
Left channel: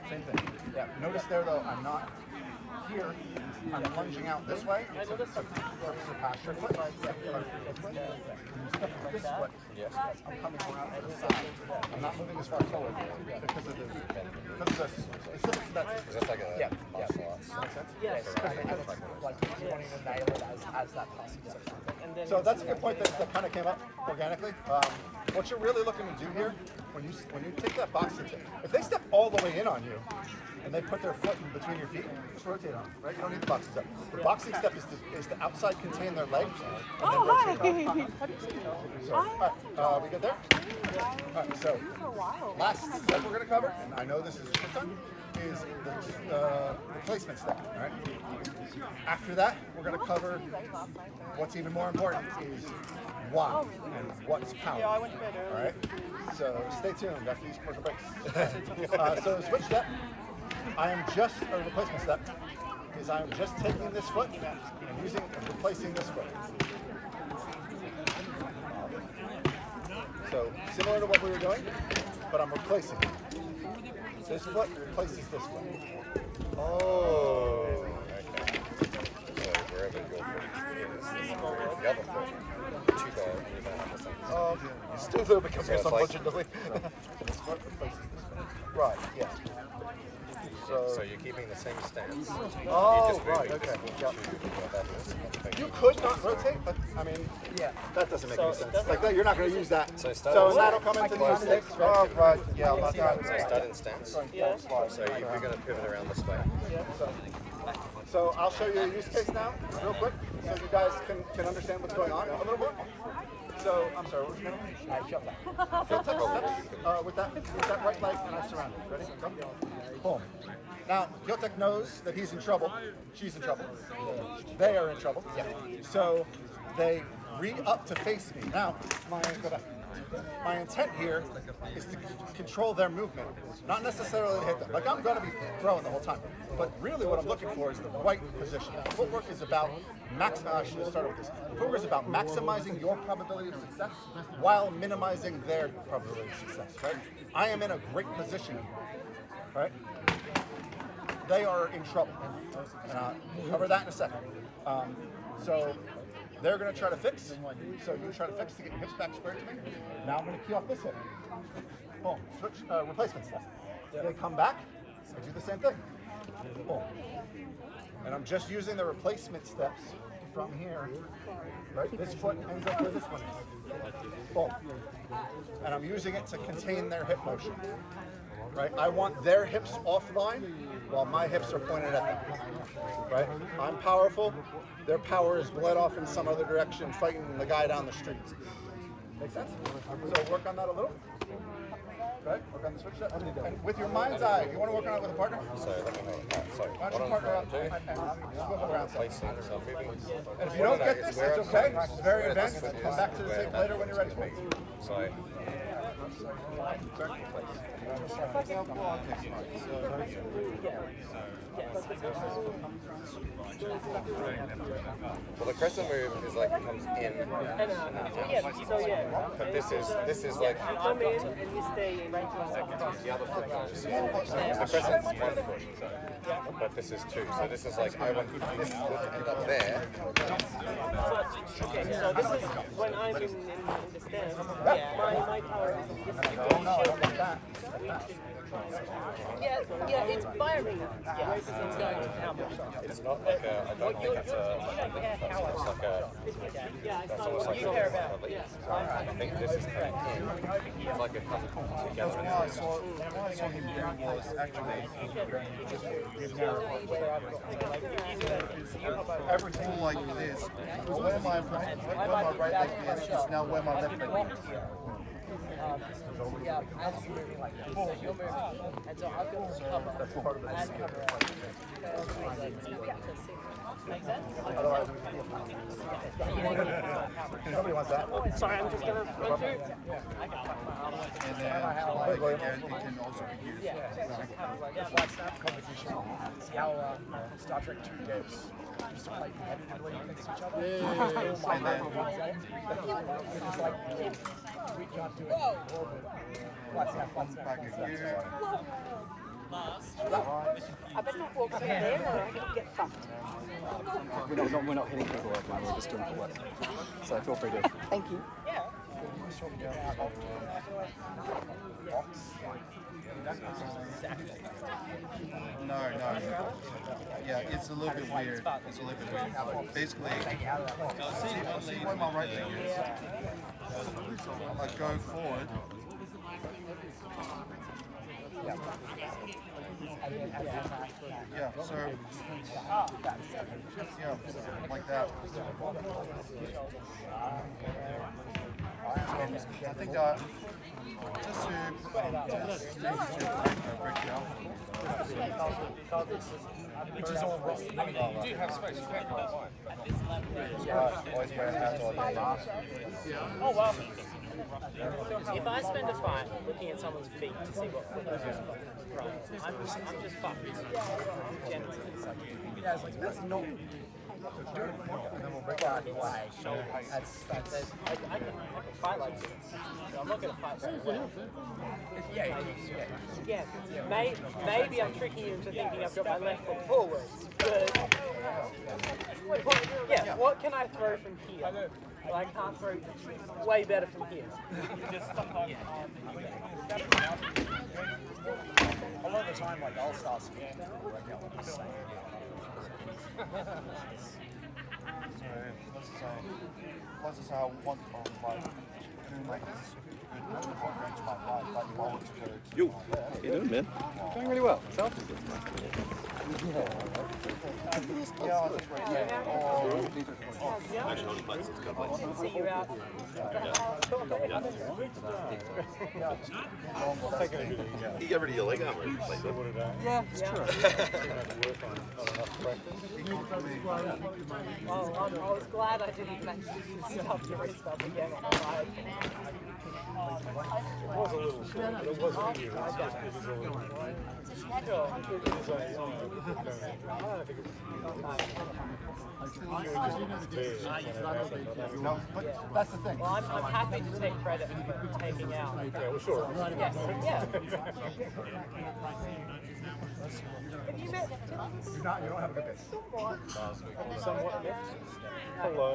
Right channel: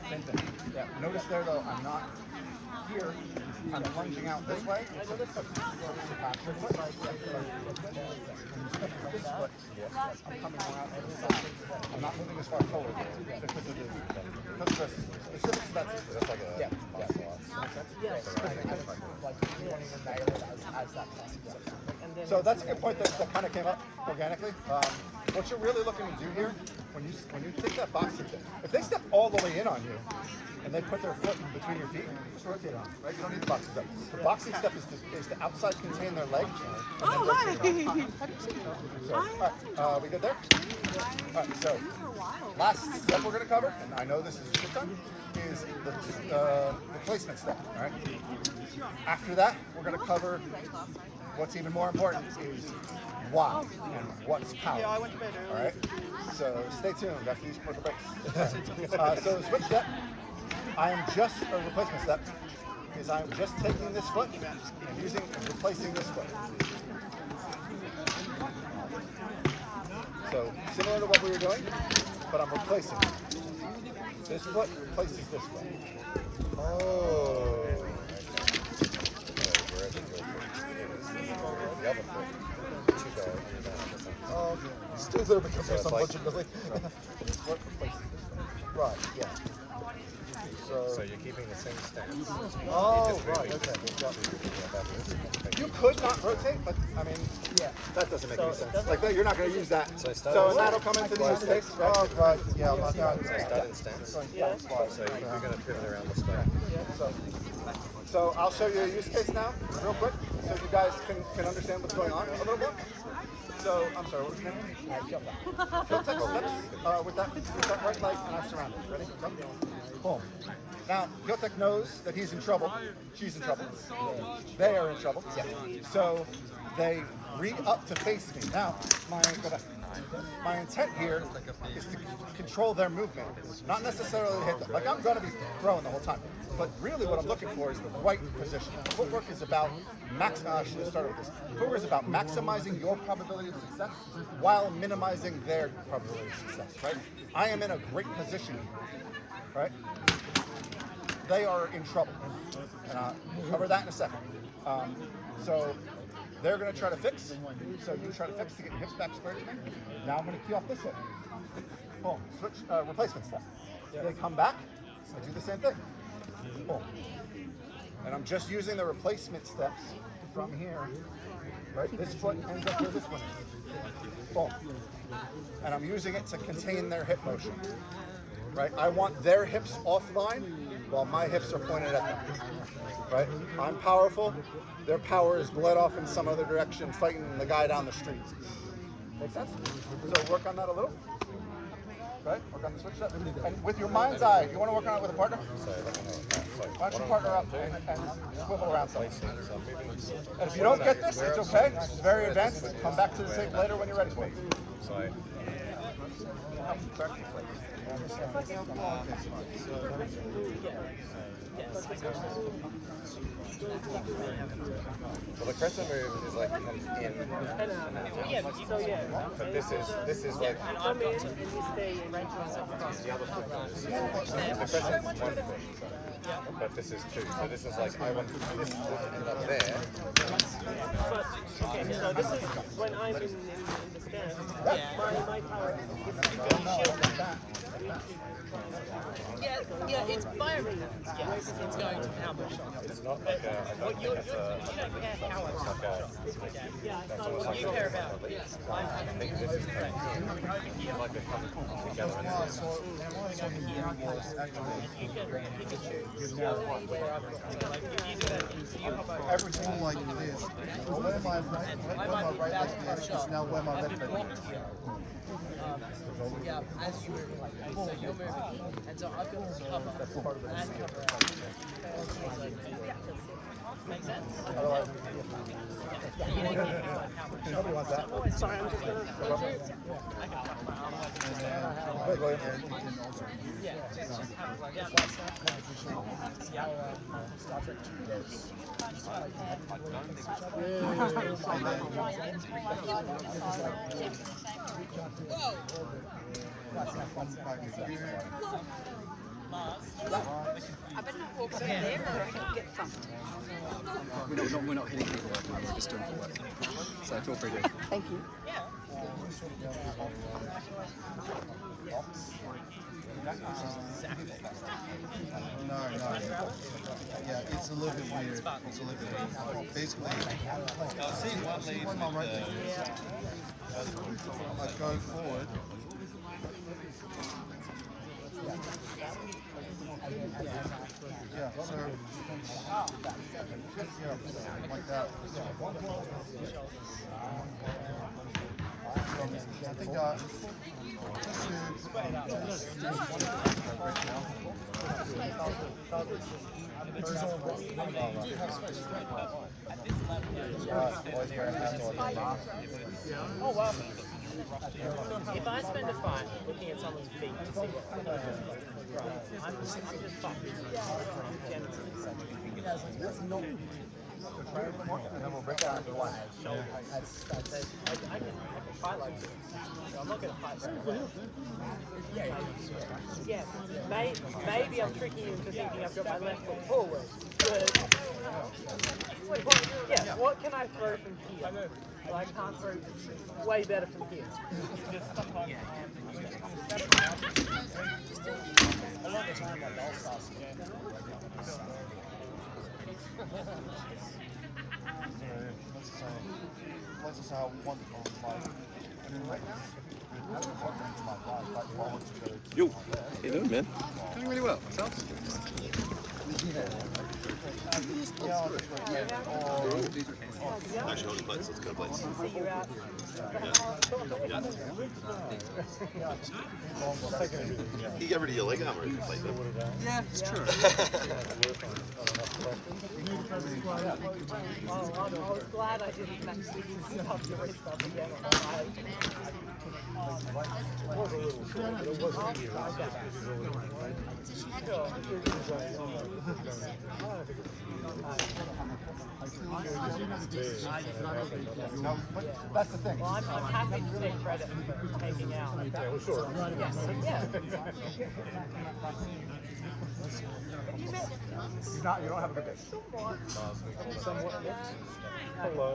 Same thing. Yeah. Notice there though, I'm not here. I'm lunging out this way to surpass your foot. Yeah. Or this way. When you step with this foot, I'm coming more out to the side. I'm not moving as far forward because of the specifics of that system. Yeah. Make sense? Yes. Like you want to nail it as that passing step. So that's a good point that kind of came up organically. What you're really looking to do here, when you take that boxing tip, if they step all the way in on you, and they put their foot in between your feet, just rotate on, right? You don't need the boxing step. The boxing step is to outside contain their leg, and then rotate on. Have you seen that? So, all right, we good there? All right, so last step we're going to cover, and I know this is a shit ton, is the replacement step, all right? After that, we're going to cover what's even more important is why and what's power. Yeah, I went to bed early. All right, so stay tuned after these commercial breaks. So switch step. I am just a replacement step is I am just taking this foot and replacing this foot. So similar to what we were doing, but I'm replacing it. This foot replaces this foot. Oh. Still there because there's some budget delay. This foot replaces this foot. Right, yeah. So you're keeping the same stance. Oh, right, okay. You could not rotate, but I mean, Yeah. that doesn't make any sense. Like that, you're not going to use that. So So and that'll come into these sticks, right? Right, yeah. Start in stance. So you're going to pivot around this way. So I'll show you a use case now, real quick, so you guys can understand what's going on a little bit. So I'm sorry, what was your name? She'll take steps with that right leg, and I surround it. Ready? Go. Boom. Now, Yotek knows that he's in trouble. She's in trouble. They are in trouble. Yeah. So they re-up to face me. Now, my intent here is to control their movement, not necessarily to hit them. Like I'm going to be throwing the whole time, but really what I'm looking for is the right position. Footwork is about I should have started with this. Footwork is about maximizing your probability of success while minimizing their probability of success. Right? I am in a great position. Right? They are in trouble, and I'll cover that in a second. So they're going to try to fix. So you try to fix to get your hips back square to me. Now I'm going to key off this hip. Boom. Switch replacement step. They come back. I do the same thing. Boom. And I'm just using the replacement steps from here. Right. This foot ends up where this one is. Boom. And I'm using it to contain their hip motion. Right. I want their hips offline while my hips are pointed at them. Right. I'm powerful. Their power is bled off in some other direction, fighting the guy down the street. Make sense? So work on that a little. Right? Work on the switch step. And with your mind's eye, you want to work on it with a partner? Why don't you partner up and swivel around some? And if you don't get this, it's okay. It's very advanced. Come back to the tape later when you're ready for it. Sorry. Well, the crescent move is like it comes in. But this is like the crescent's 1 foot, but this is 2. So this is like I want this to end up there. Oh no, I don't want that. Yeah, it's binary. Yes, it's going to help. It's not like that's all you care about. So I think this is coming in like Everything like this. Where my right leg positions now, where my left leg is. That's part of the beauty of the fight. Finding and exploiting. Otherwise, we can be a nobody wants that. Sorry, I'm just going to No problem. Go ahead, William. Star Trek 2 days. Lars, I better not walk up there or get thumped. We're not hitting footwork, man. We're just doing footwork. So feel free to. Thank you. Yeah, it's a little bit weird. It's a little bit weird. Basically, see one lady with my right leg is. Like going forward. Yeah, sorry. Like that. I think Which is all rough. you do have space. At this level, If I spend a fight looking at someone's feet to see And then we'll break out in one. That's yeah, maybe I'm tricking you into thinking I've got my left foot forward. But, yeah, what can I throw from here? I can't throw way better from here. A lot of the time, like, I'll start skiing. That's just how one I mean, right now, Yo, how you doing, man? Doing really well. Yourself? Actually, holding plates, let's go plates. Yeah. Yeah. You get rid of your leg armor if you play them. Yeah, it's true. I was glad I didn't actually help your wrist up again. No, but that's the thing. I'm happy to take credit for taking out. Sure. Yes, yeah. You don't have a good base.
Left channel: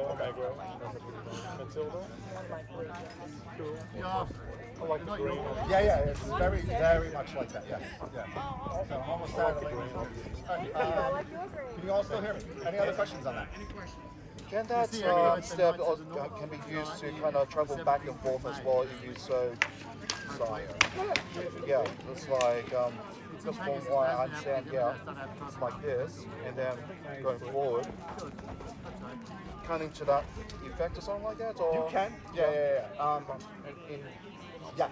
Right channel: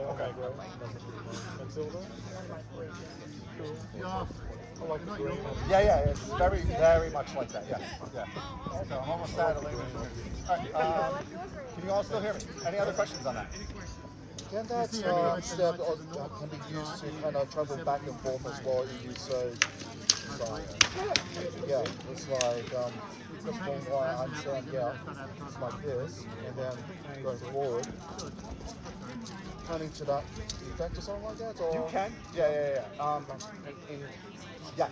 Okay. Yeah, it's very, very much like that. Yes, yeah. So I'm almost saddling. All right, can you all still hear me? Any other questions on that? can that step can be used to kind of travel back and forth as well? You so yeah, it's like just from what I understand, yeah, it's like this, and then going forward, kind of to that effect or something like that. Or You can. Yeah. Yes,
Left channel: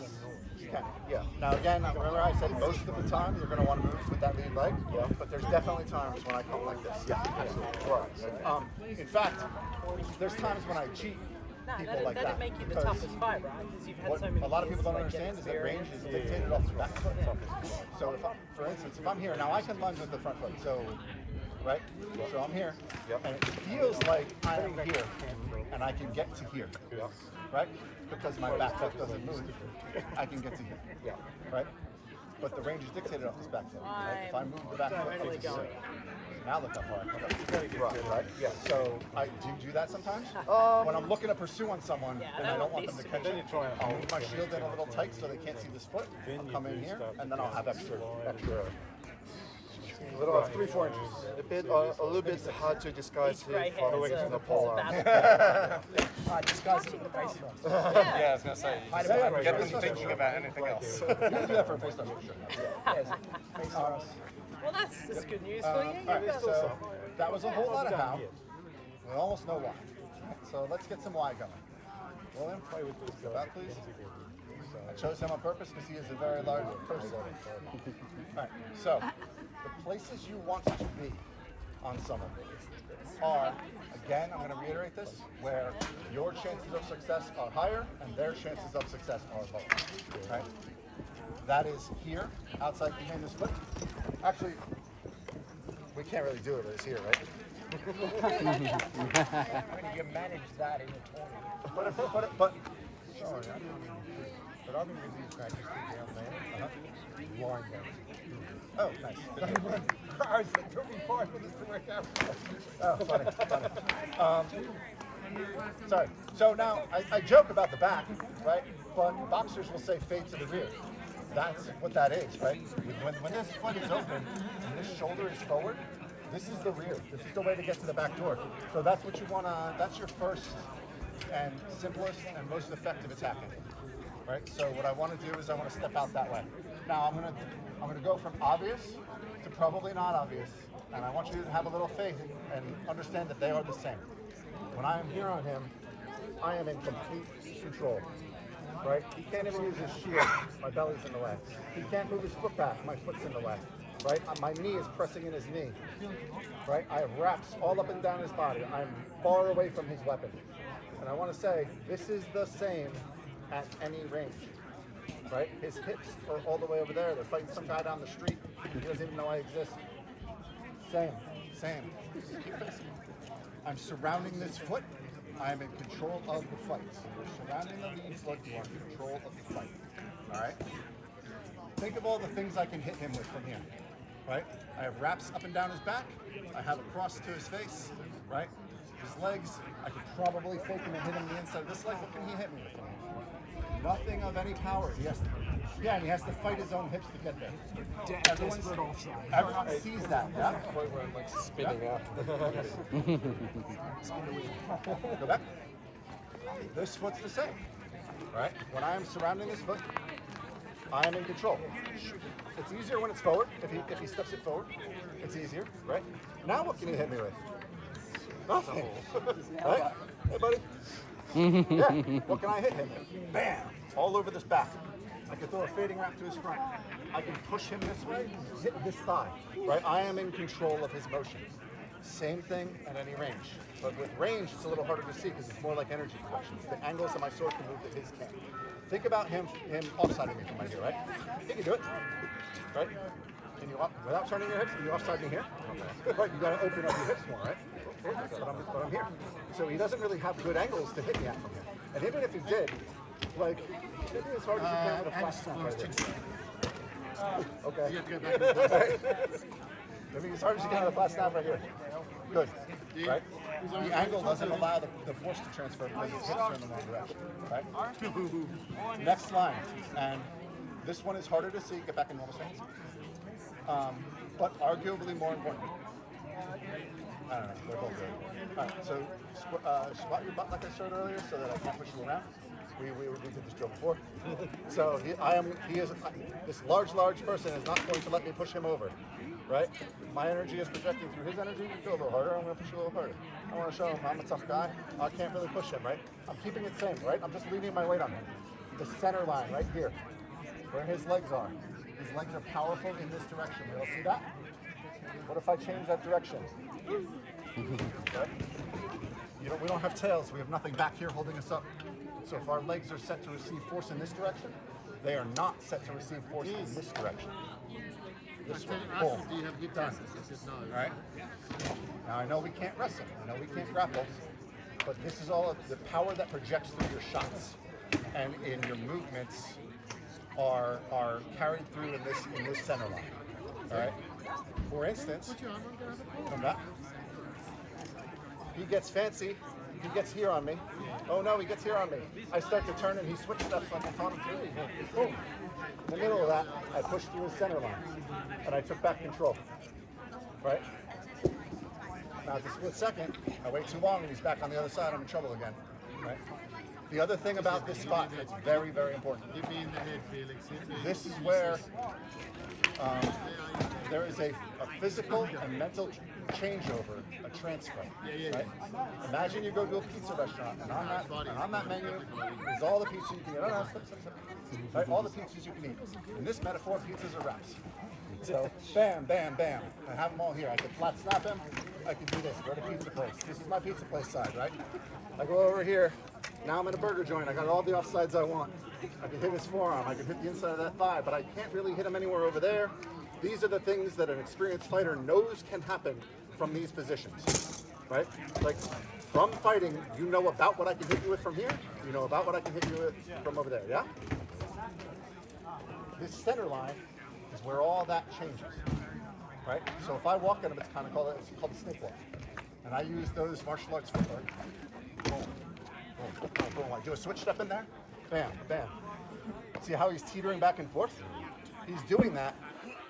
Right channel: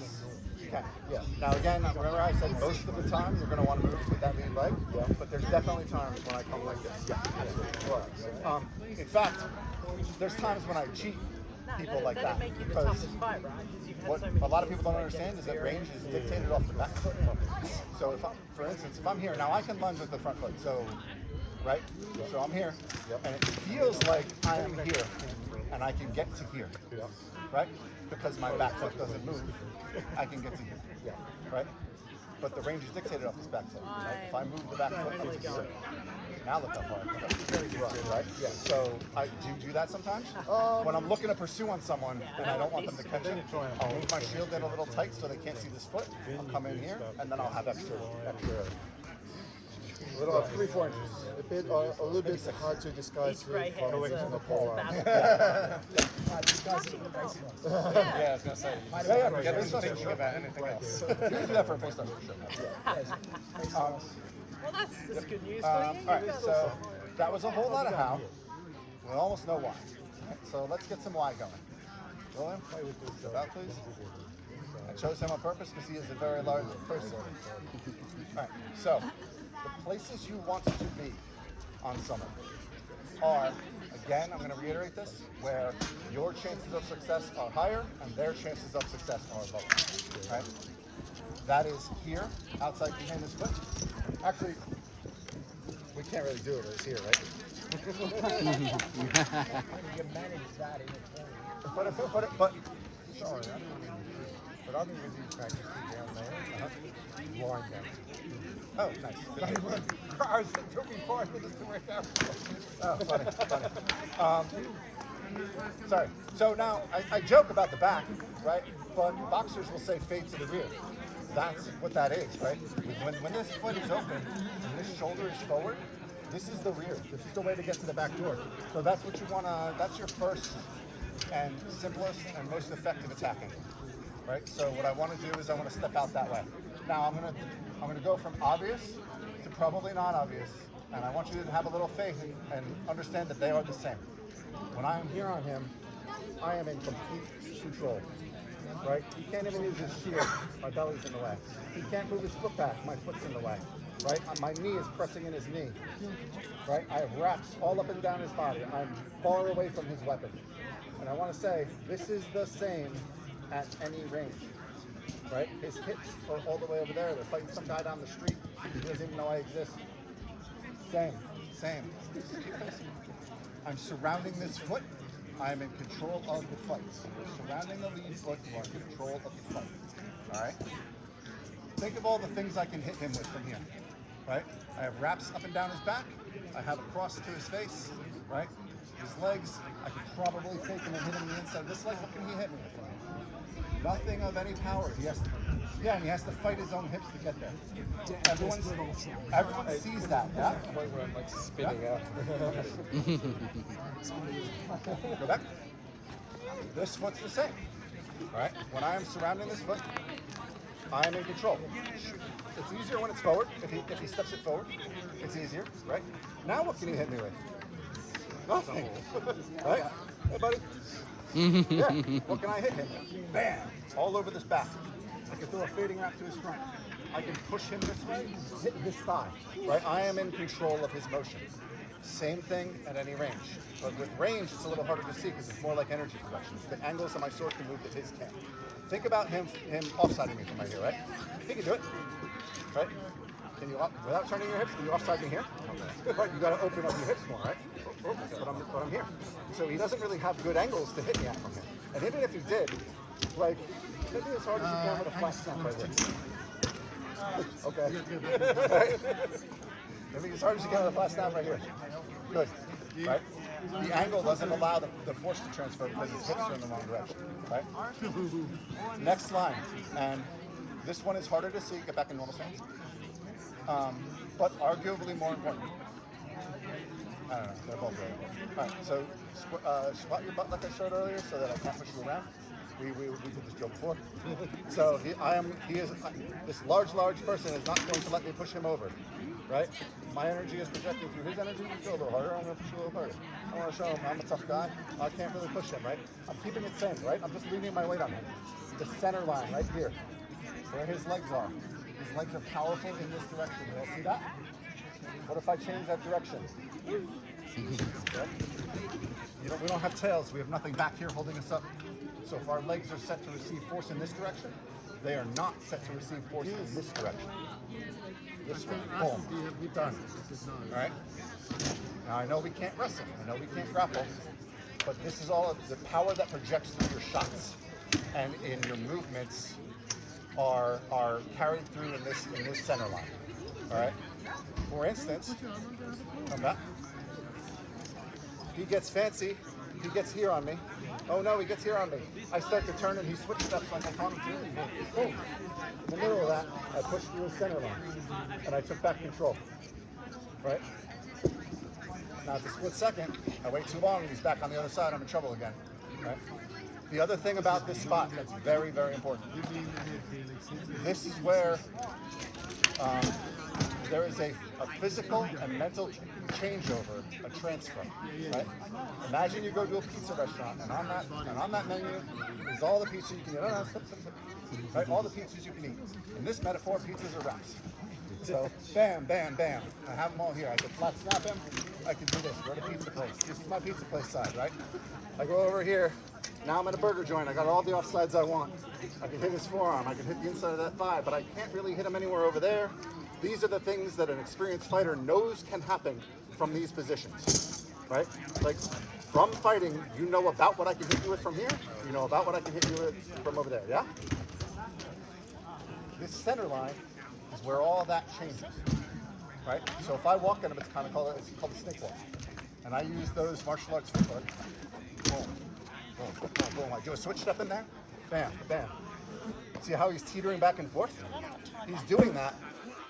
you can. Yeah. Now again, remember I said most of the time you're going to want to move with that lead leg. Yeah. But there's definitely times when I come like this. Yeah, absolutely. In fact, there's times when I cheat people like that because what a lot of people don't understand is that range is dictated off the back foot. So for instance, if I'm here now, I can lunge with the front foot. So, right? So I'm here, and it feels like I am here, and I can get to here, right? Because my back foot doesn't move, I can get to here, right? But the range is dictated off this back foot, right? If I move the back foot up to here, now look how far I can go, right? Yeah. So I do that sometimes. When I'm looking to pursue on someone and I don't want them to catch it, I'll move my shield in a little tight so they can't see this foot. I'll come in here, and then I'll have extra, a little 3-4 inches. a little bit hard to disguise it from using the pole arm. Disguise it with a face mask. Yeah, I was going to say, Yeah, for get sure. them thinking about anything else. You can do that for a face mask, for sure. That's good news All right, so that was a whole lot of how. We almost know why. So let's get some why going. William, step out, please. I chose him on purpose because he is a very large person. All right, so the places you want to be on someone are, again, I'm going to reiterate this, where your chances of success are higher and their chances of success are lower. Right? That is here, outside contain this foot. Actually, we can't really do it, but it's here, right? You manage that in your 20. But sorry, I don't want to. But I'm going to do practice down there. Line down. Oh, nice. Cars that took me 4 minutes to work out. Oh, funny. Sorry. So now, I joke about the back, right? But boxers will say fade to the rear. That's what that is, right? When this foot is open and this shoulder is forward, this is the rear. This is the way to get to the back door. So that's what you want to, that's your first and simplest and most effective attack angle, right? So what I want to do is I want to step out that way. Now I'm going to go from obvious to probably not obvious, and I want you to have a little faith and understand that they are the same. When I am here on him, I am in complete control. Right? He can't even use his shield. My belly's in the way. He can't move his foot back. My foot's in the way. Right? My knee is pressing in his knee. Right? I have wraps all up and down his body. I'm far away from his weapon. And I want to say, this is the same at any range. Right? His hips are all the way over there. They're fighting some guy down the street. He doesn't even know I exist. Same. I'm surrounding this foot. I am in control of the fight. You're surrounding the lead foot, you are in control of the fight. Alright? Think of all the things I can hit him with from here. Right? I have wraps up and down his back. I have a cross to his face. Right? His legs, I could probably fake him and hit him on the inside of this leg. What can he hit me with from here? Nothing of any power. He has to, and he has to fight his own hips to get there. Everyone sees that, yeah? Point where I'm like spinning out. Go back. This foot's the same, right? When I am surrounding this foot, I am in control. It's easier when it's forward. If he steps it forward, it's easier, right? Now what can he hit me with? Nothing, right? Hey, buddy. Yeah. What can I hit him with? Bam! All over this back. I can throw a fading wrap to his front. I can push him this way, hit this thigh, right? I am in control of his motion. Same thing at any range. But with range, it's a little harder to see because it's more like energy projections. The angles of my sword can move that his can't. Think about him offsiding me from right here, right? He can do it, right? Can you, without turning your hips, can you offside me here? Right, you got to open up your hips more, right? But I'm here. So he doesn't really have good angles to hit me at from here. And even if he did, like, hit me as hard as you can with a flat snap right there. Okay. Hit me as hard as you can with a flat snap right here. Good, right? The angle doesn't allow the force to transfer because his hips are in the wrong direction, right? Next line, and this one is harder to see. Get back in normal stance. But arguably more important. I don't know, they're both very important. All right, so squat your butt like I showed earlier so that I can't push you around. We did this drill before. So this large person is not going to let me push him over, right? My energy is projecting through his energy. You go a little harder, I'm gonna push you a little harder. I wanna show him I'm a tough guy. I can't really push him, right? I'm keeping it same, right? I'm just leaning my weight on him. The center line right here, where his legs are. His legs are powerful in this direction. We all see that? What if I change that direction? Okay. We don't have tails. We have nothing back here holding us up. So if our legs are set to receive force in this direction, they are not set to receive force in this direction. This way. Boom. Done. All right? Now I know we can't wrestle. I know we can't grapple. But this is all the power that projects through your shots and in your movements are carried through in this center line. All right? For instance, come back. He gets fancy. He gets here on me. Oh no, he gets here on me. I start to turn and he switch steps like I taught him to. Boom. In the middle of that, I pushed through his center line and I took back control. Right? Now it's a split second. I wait too long and he's back on the other side. I'm in trouble again. Right? The other thing about this spot that's very, very important. This is where there is a physical and mental changeover, a transfer, right? Imagine you go to a pizza restaurant, and on that menu is all the pizza you can eat. No, stop. Right, all the pizzas you can eat. In this metaphor, pizzas are wraps. So, bam, bam, bam. I have them all here. I could flat snap him. I could do this. We're at a pizza place. This is my pizza place side, right? I go over here. Now I'm in a burger joint. I got all the offsides I want. I can hit his forearm. I can hit the inside of that thigh, but I can't really hit him anywhere over there. These are the things that an experienced fighter knows can happen from these positions, right? Like, from fighting, you know about what I can hit you with from here. You know about what I can hit you with from over there, yeah? This center line is where all that changes, right? So if I walk at him, it's called a snake walk. And I use those martial arts footwork. Boom, boom, boom, boom. I do a switch step in there. Bam, bam. See how he's teetering back and forth? He's doing that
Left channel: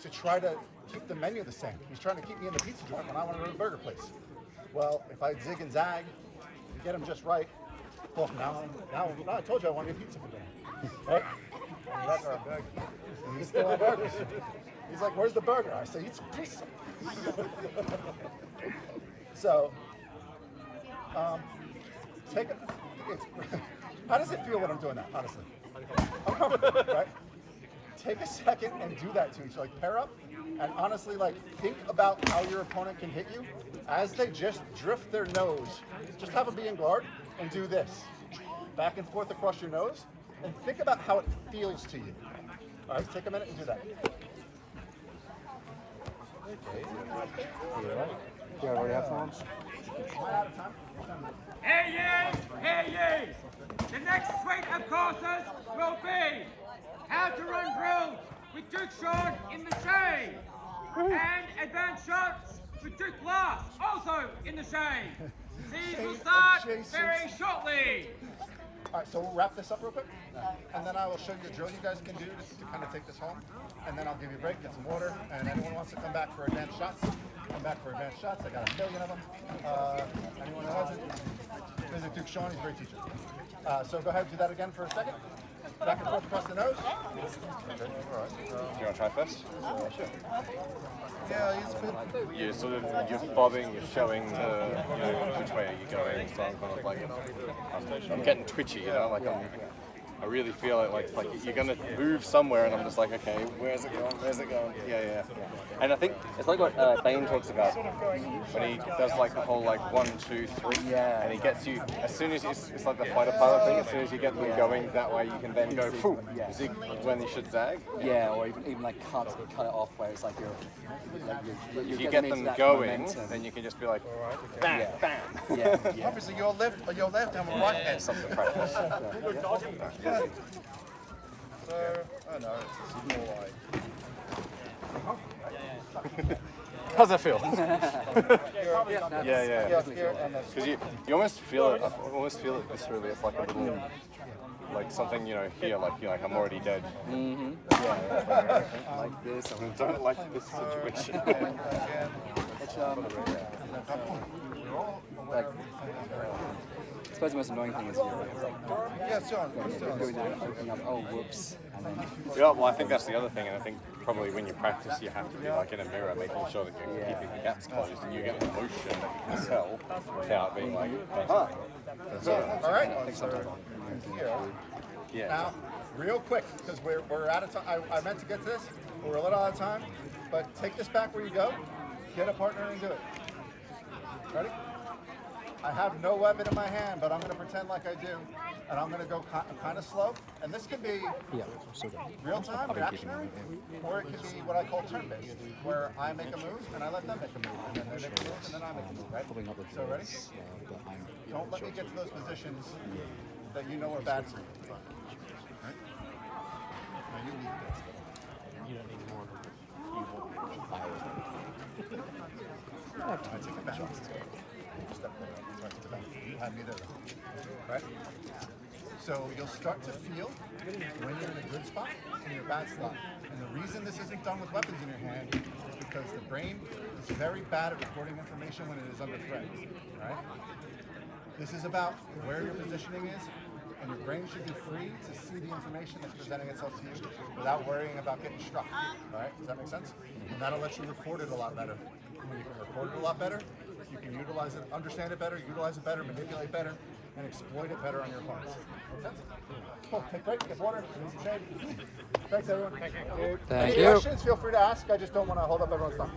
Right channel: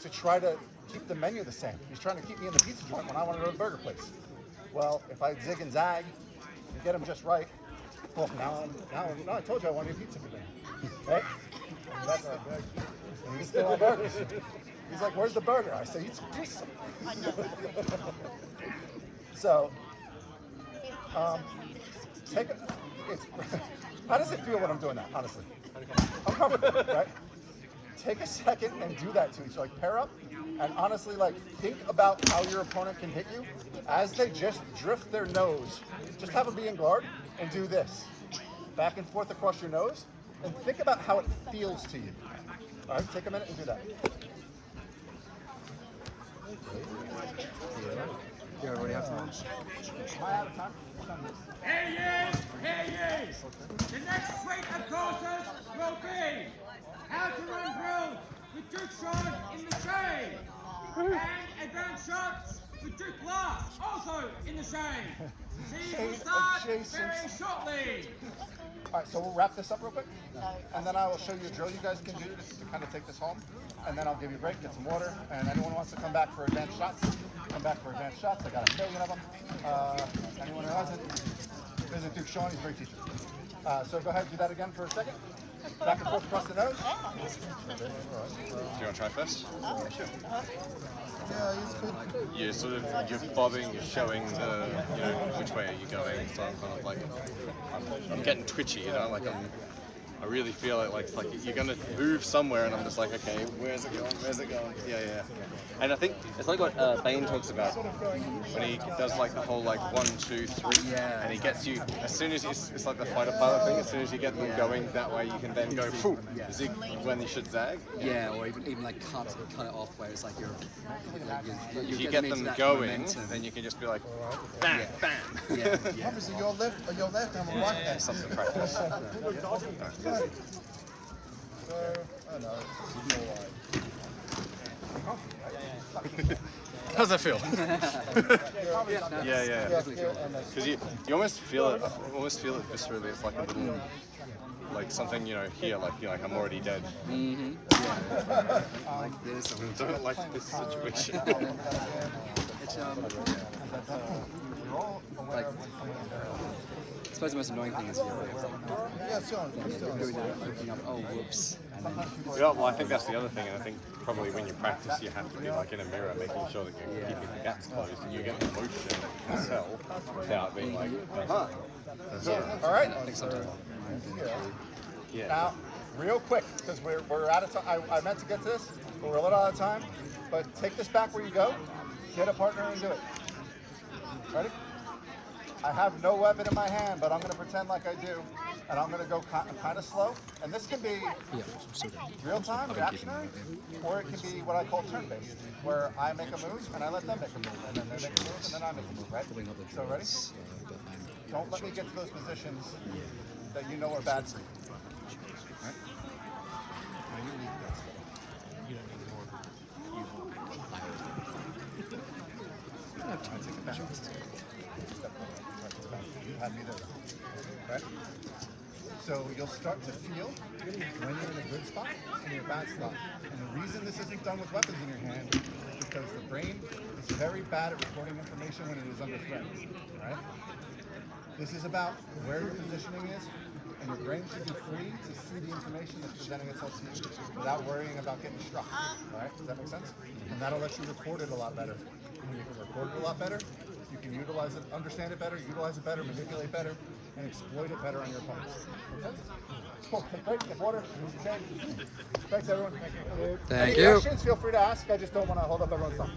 to try to keep the menu the same. He's trying to keep me in the pizza joint when I want to go to the burger place. Well, if I zig and zag and get him just right, well, now I told you I wanted a pizza for dinner, right? He's still on burgers. He's like, "Where's the burger?" I say, "Eat some pizza." So, how does it feel when I'm doing that? Honestly, uncomfortable, right? Take a second and do that to each other. Like, pair up and honestly, like, think about how your opponent can hit you as they just drift their nose. Just have them be in guard and do this. Back and forth across your nose and think about how it feels to you. All right, take a minute and do that. Yeah, we have time. Am I out of time? Hey ye! The next suite of courses will be how to run drills with Duke Sean in the shade, and advanced shots with Duke Lars, also in the shade. Season start very shortly. All right, so we'll wrap this up real quick, and then I will show you a drill you guys can do to kind of take this home, and then I'll give you a break, get some water, and anyone who wants to come back for advanced shots, come back for advanced shots. I got a million of them. Anyone who hasn't, visit Duke Sean, he's a great teacher. So go ahead, do that again for a second. Back and forth across the nose. Do you want to try first? Yeah, he's good. You're sort of, you're bobbing, you're showing which way are you going, so I'm kind of like, I'm getting twitchy, like I really feel it, like you're going to move somewhere, and I'm just like, okay, where's it going, yeah. And I think it's like what Bane talks about when he does like the whole like 1, 2, 3, and he gets you, as soon as it's like the fighter pilot thing, as soon as you get them going that way, you can then go, zig when you should zag. Yeah, or even like cut it off where it's like you're if you get them going, then you can just be like, bam, bam. Yeah. Obviously, your left and your right hand. Something to practice. So, I know. How's that feel? Yeah. Because you almost feel it. I almost feel it viscerally. It's like a little, like something here. Like I'm already dead. Mm-hmm. Yeah. Like this. I don't like this situation. It's We're all aware of when someone is very open. I suppose the most annoying thing is Yeah, so whoops. Yeah, well, I think that's the other thing, and I think probably when you practice, you have to be like in a mirror, making sure that you're keeping the gaps closed, and you get the motion yourself without being like. All right. Yeah. Now, real quick, because we're out of time. I meant to get to this, but we're a little out of time. But take this back where you go. Get a partner and do it. Ready? I have no weapon in my hand, but I'm going to pretend like I do. And I'm going to go kind of slow. And this can be real-time, reactionary, or it can be what I call turn-based, where I make a move and I let them make a move, and then they make a move and then I make a move, right? So ready? Don't let me get to those positions that you know are bad for you. Right? Now you leave this. You don't need more. You won't. I take it back. Step forward. Right to the back. You have me there though. Right? So you'll start to feel when you're in a good spot and you're a bad spot. And the reason this isn't done with weapons in your hand is because the brain is very bad at recording information when it is under threat. Right? This is about where your positioning is, and your brain should be free to see the information that's presenting itself to you without worrying about getting struck. All right? Does that make sense? And that'll let you record it a lot better. When you can record it a lot better, you can utilize it, understand it better, utilize it better, manipulate better, and exploit it better on your opponents. Make sense? Cool. Take a break, get water, get some shade. Thanks, everyone. Thank Any you. questions? Feel free to ask. I just don't want to hold up everyone's time.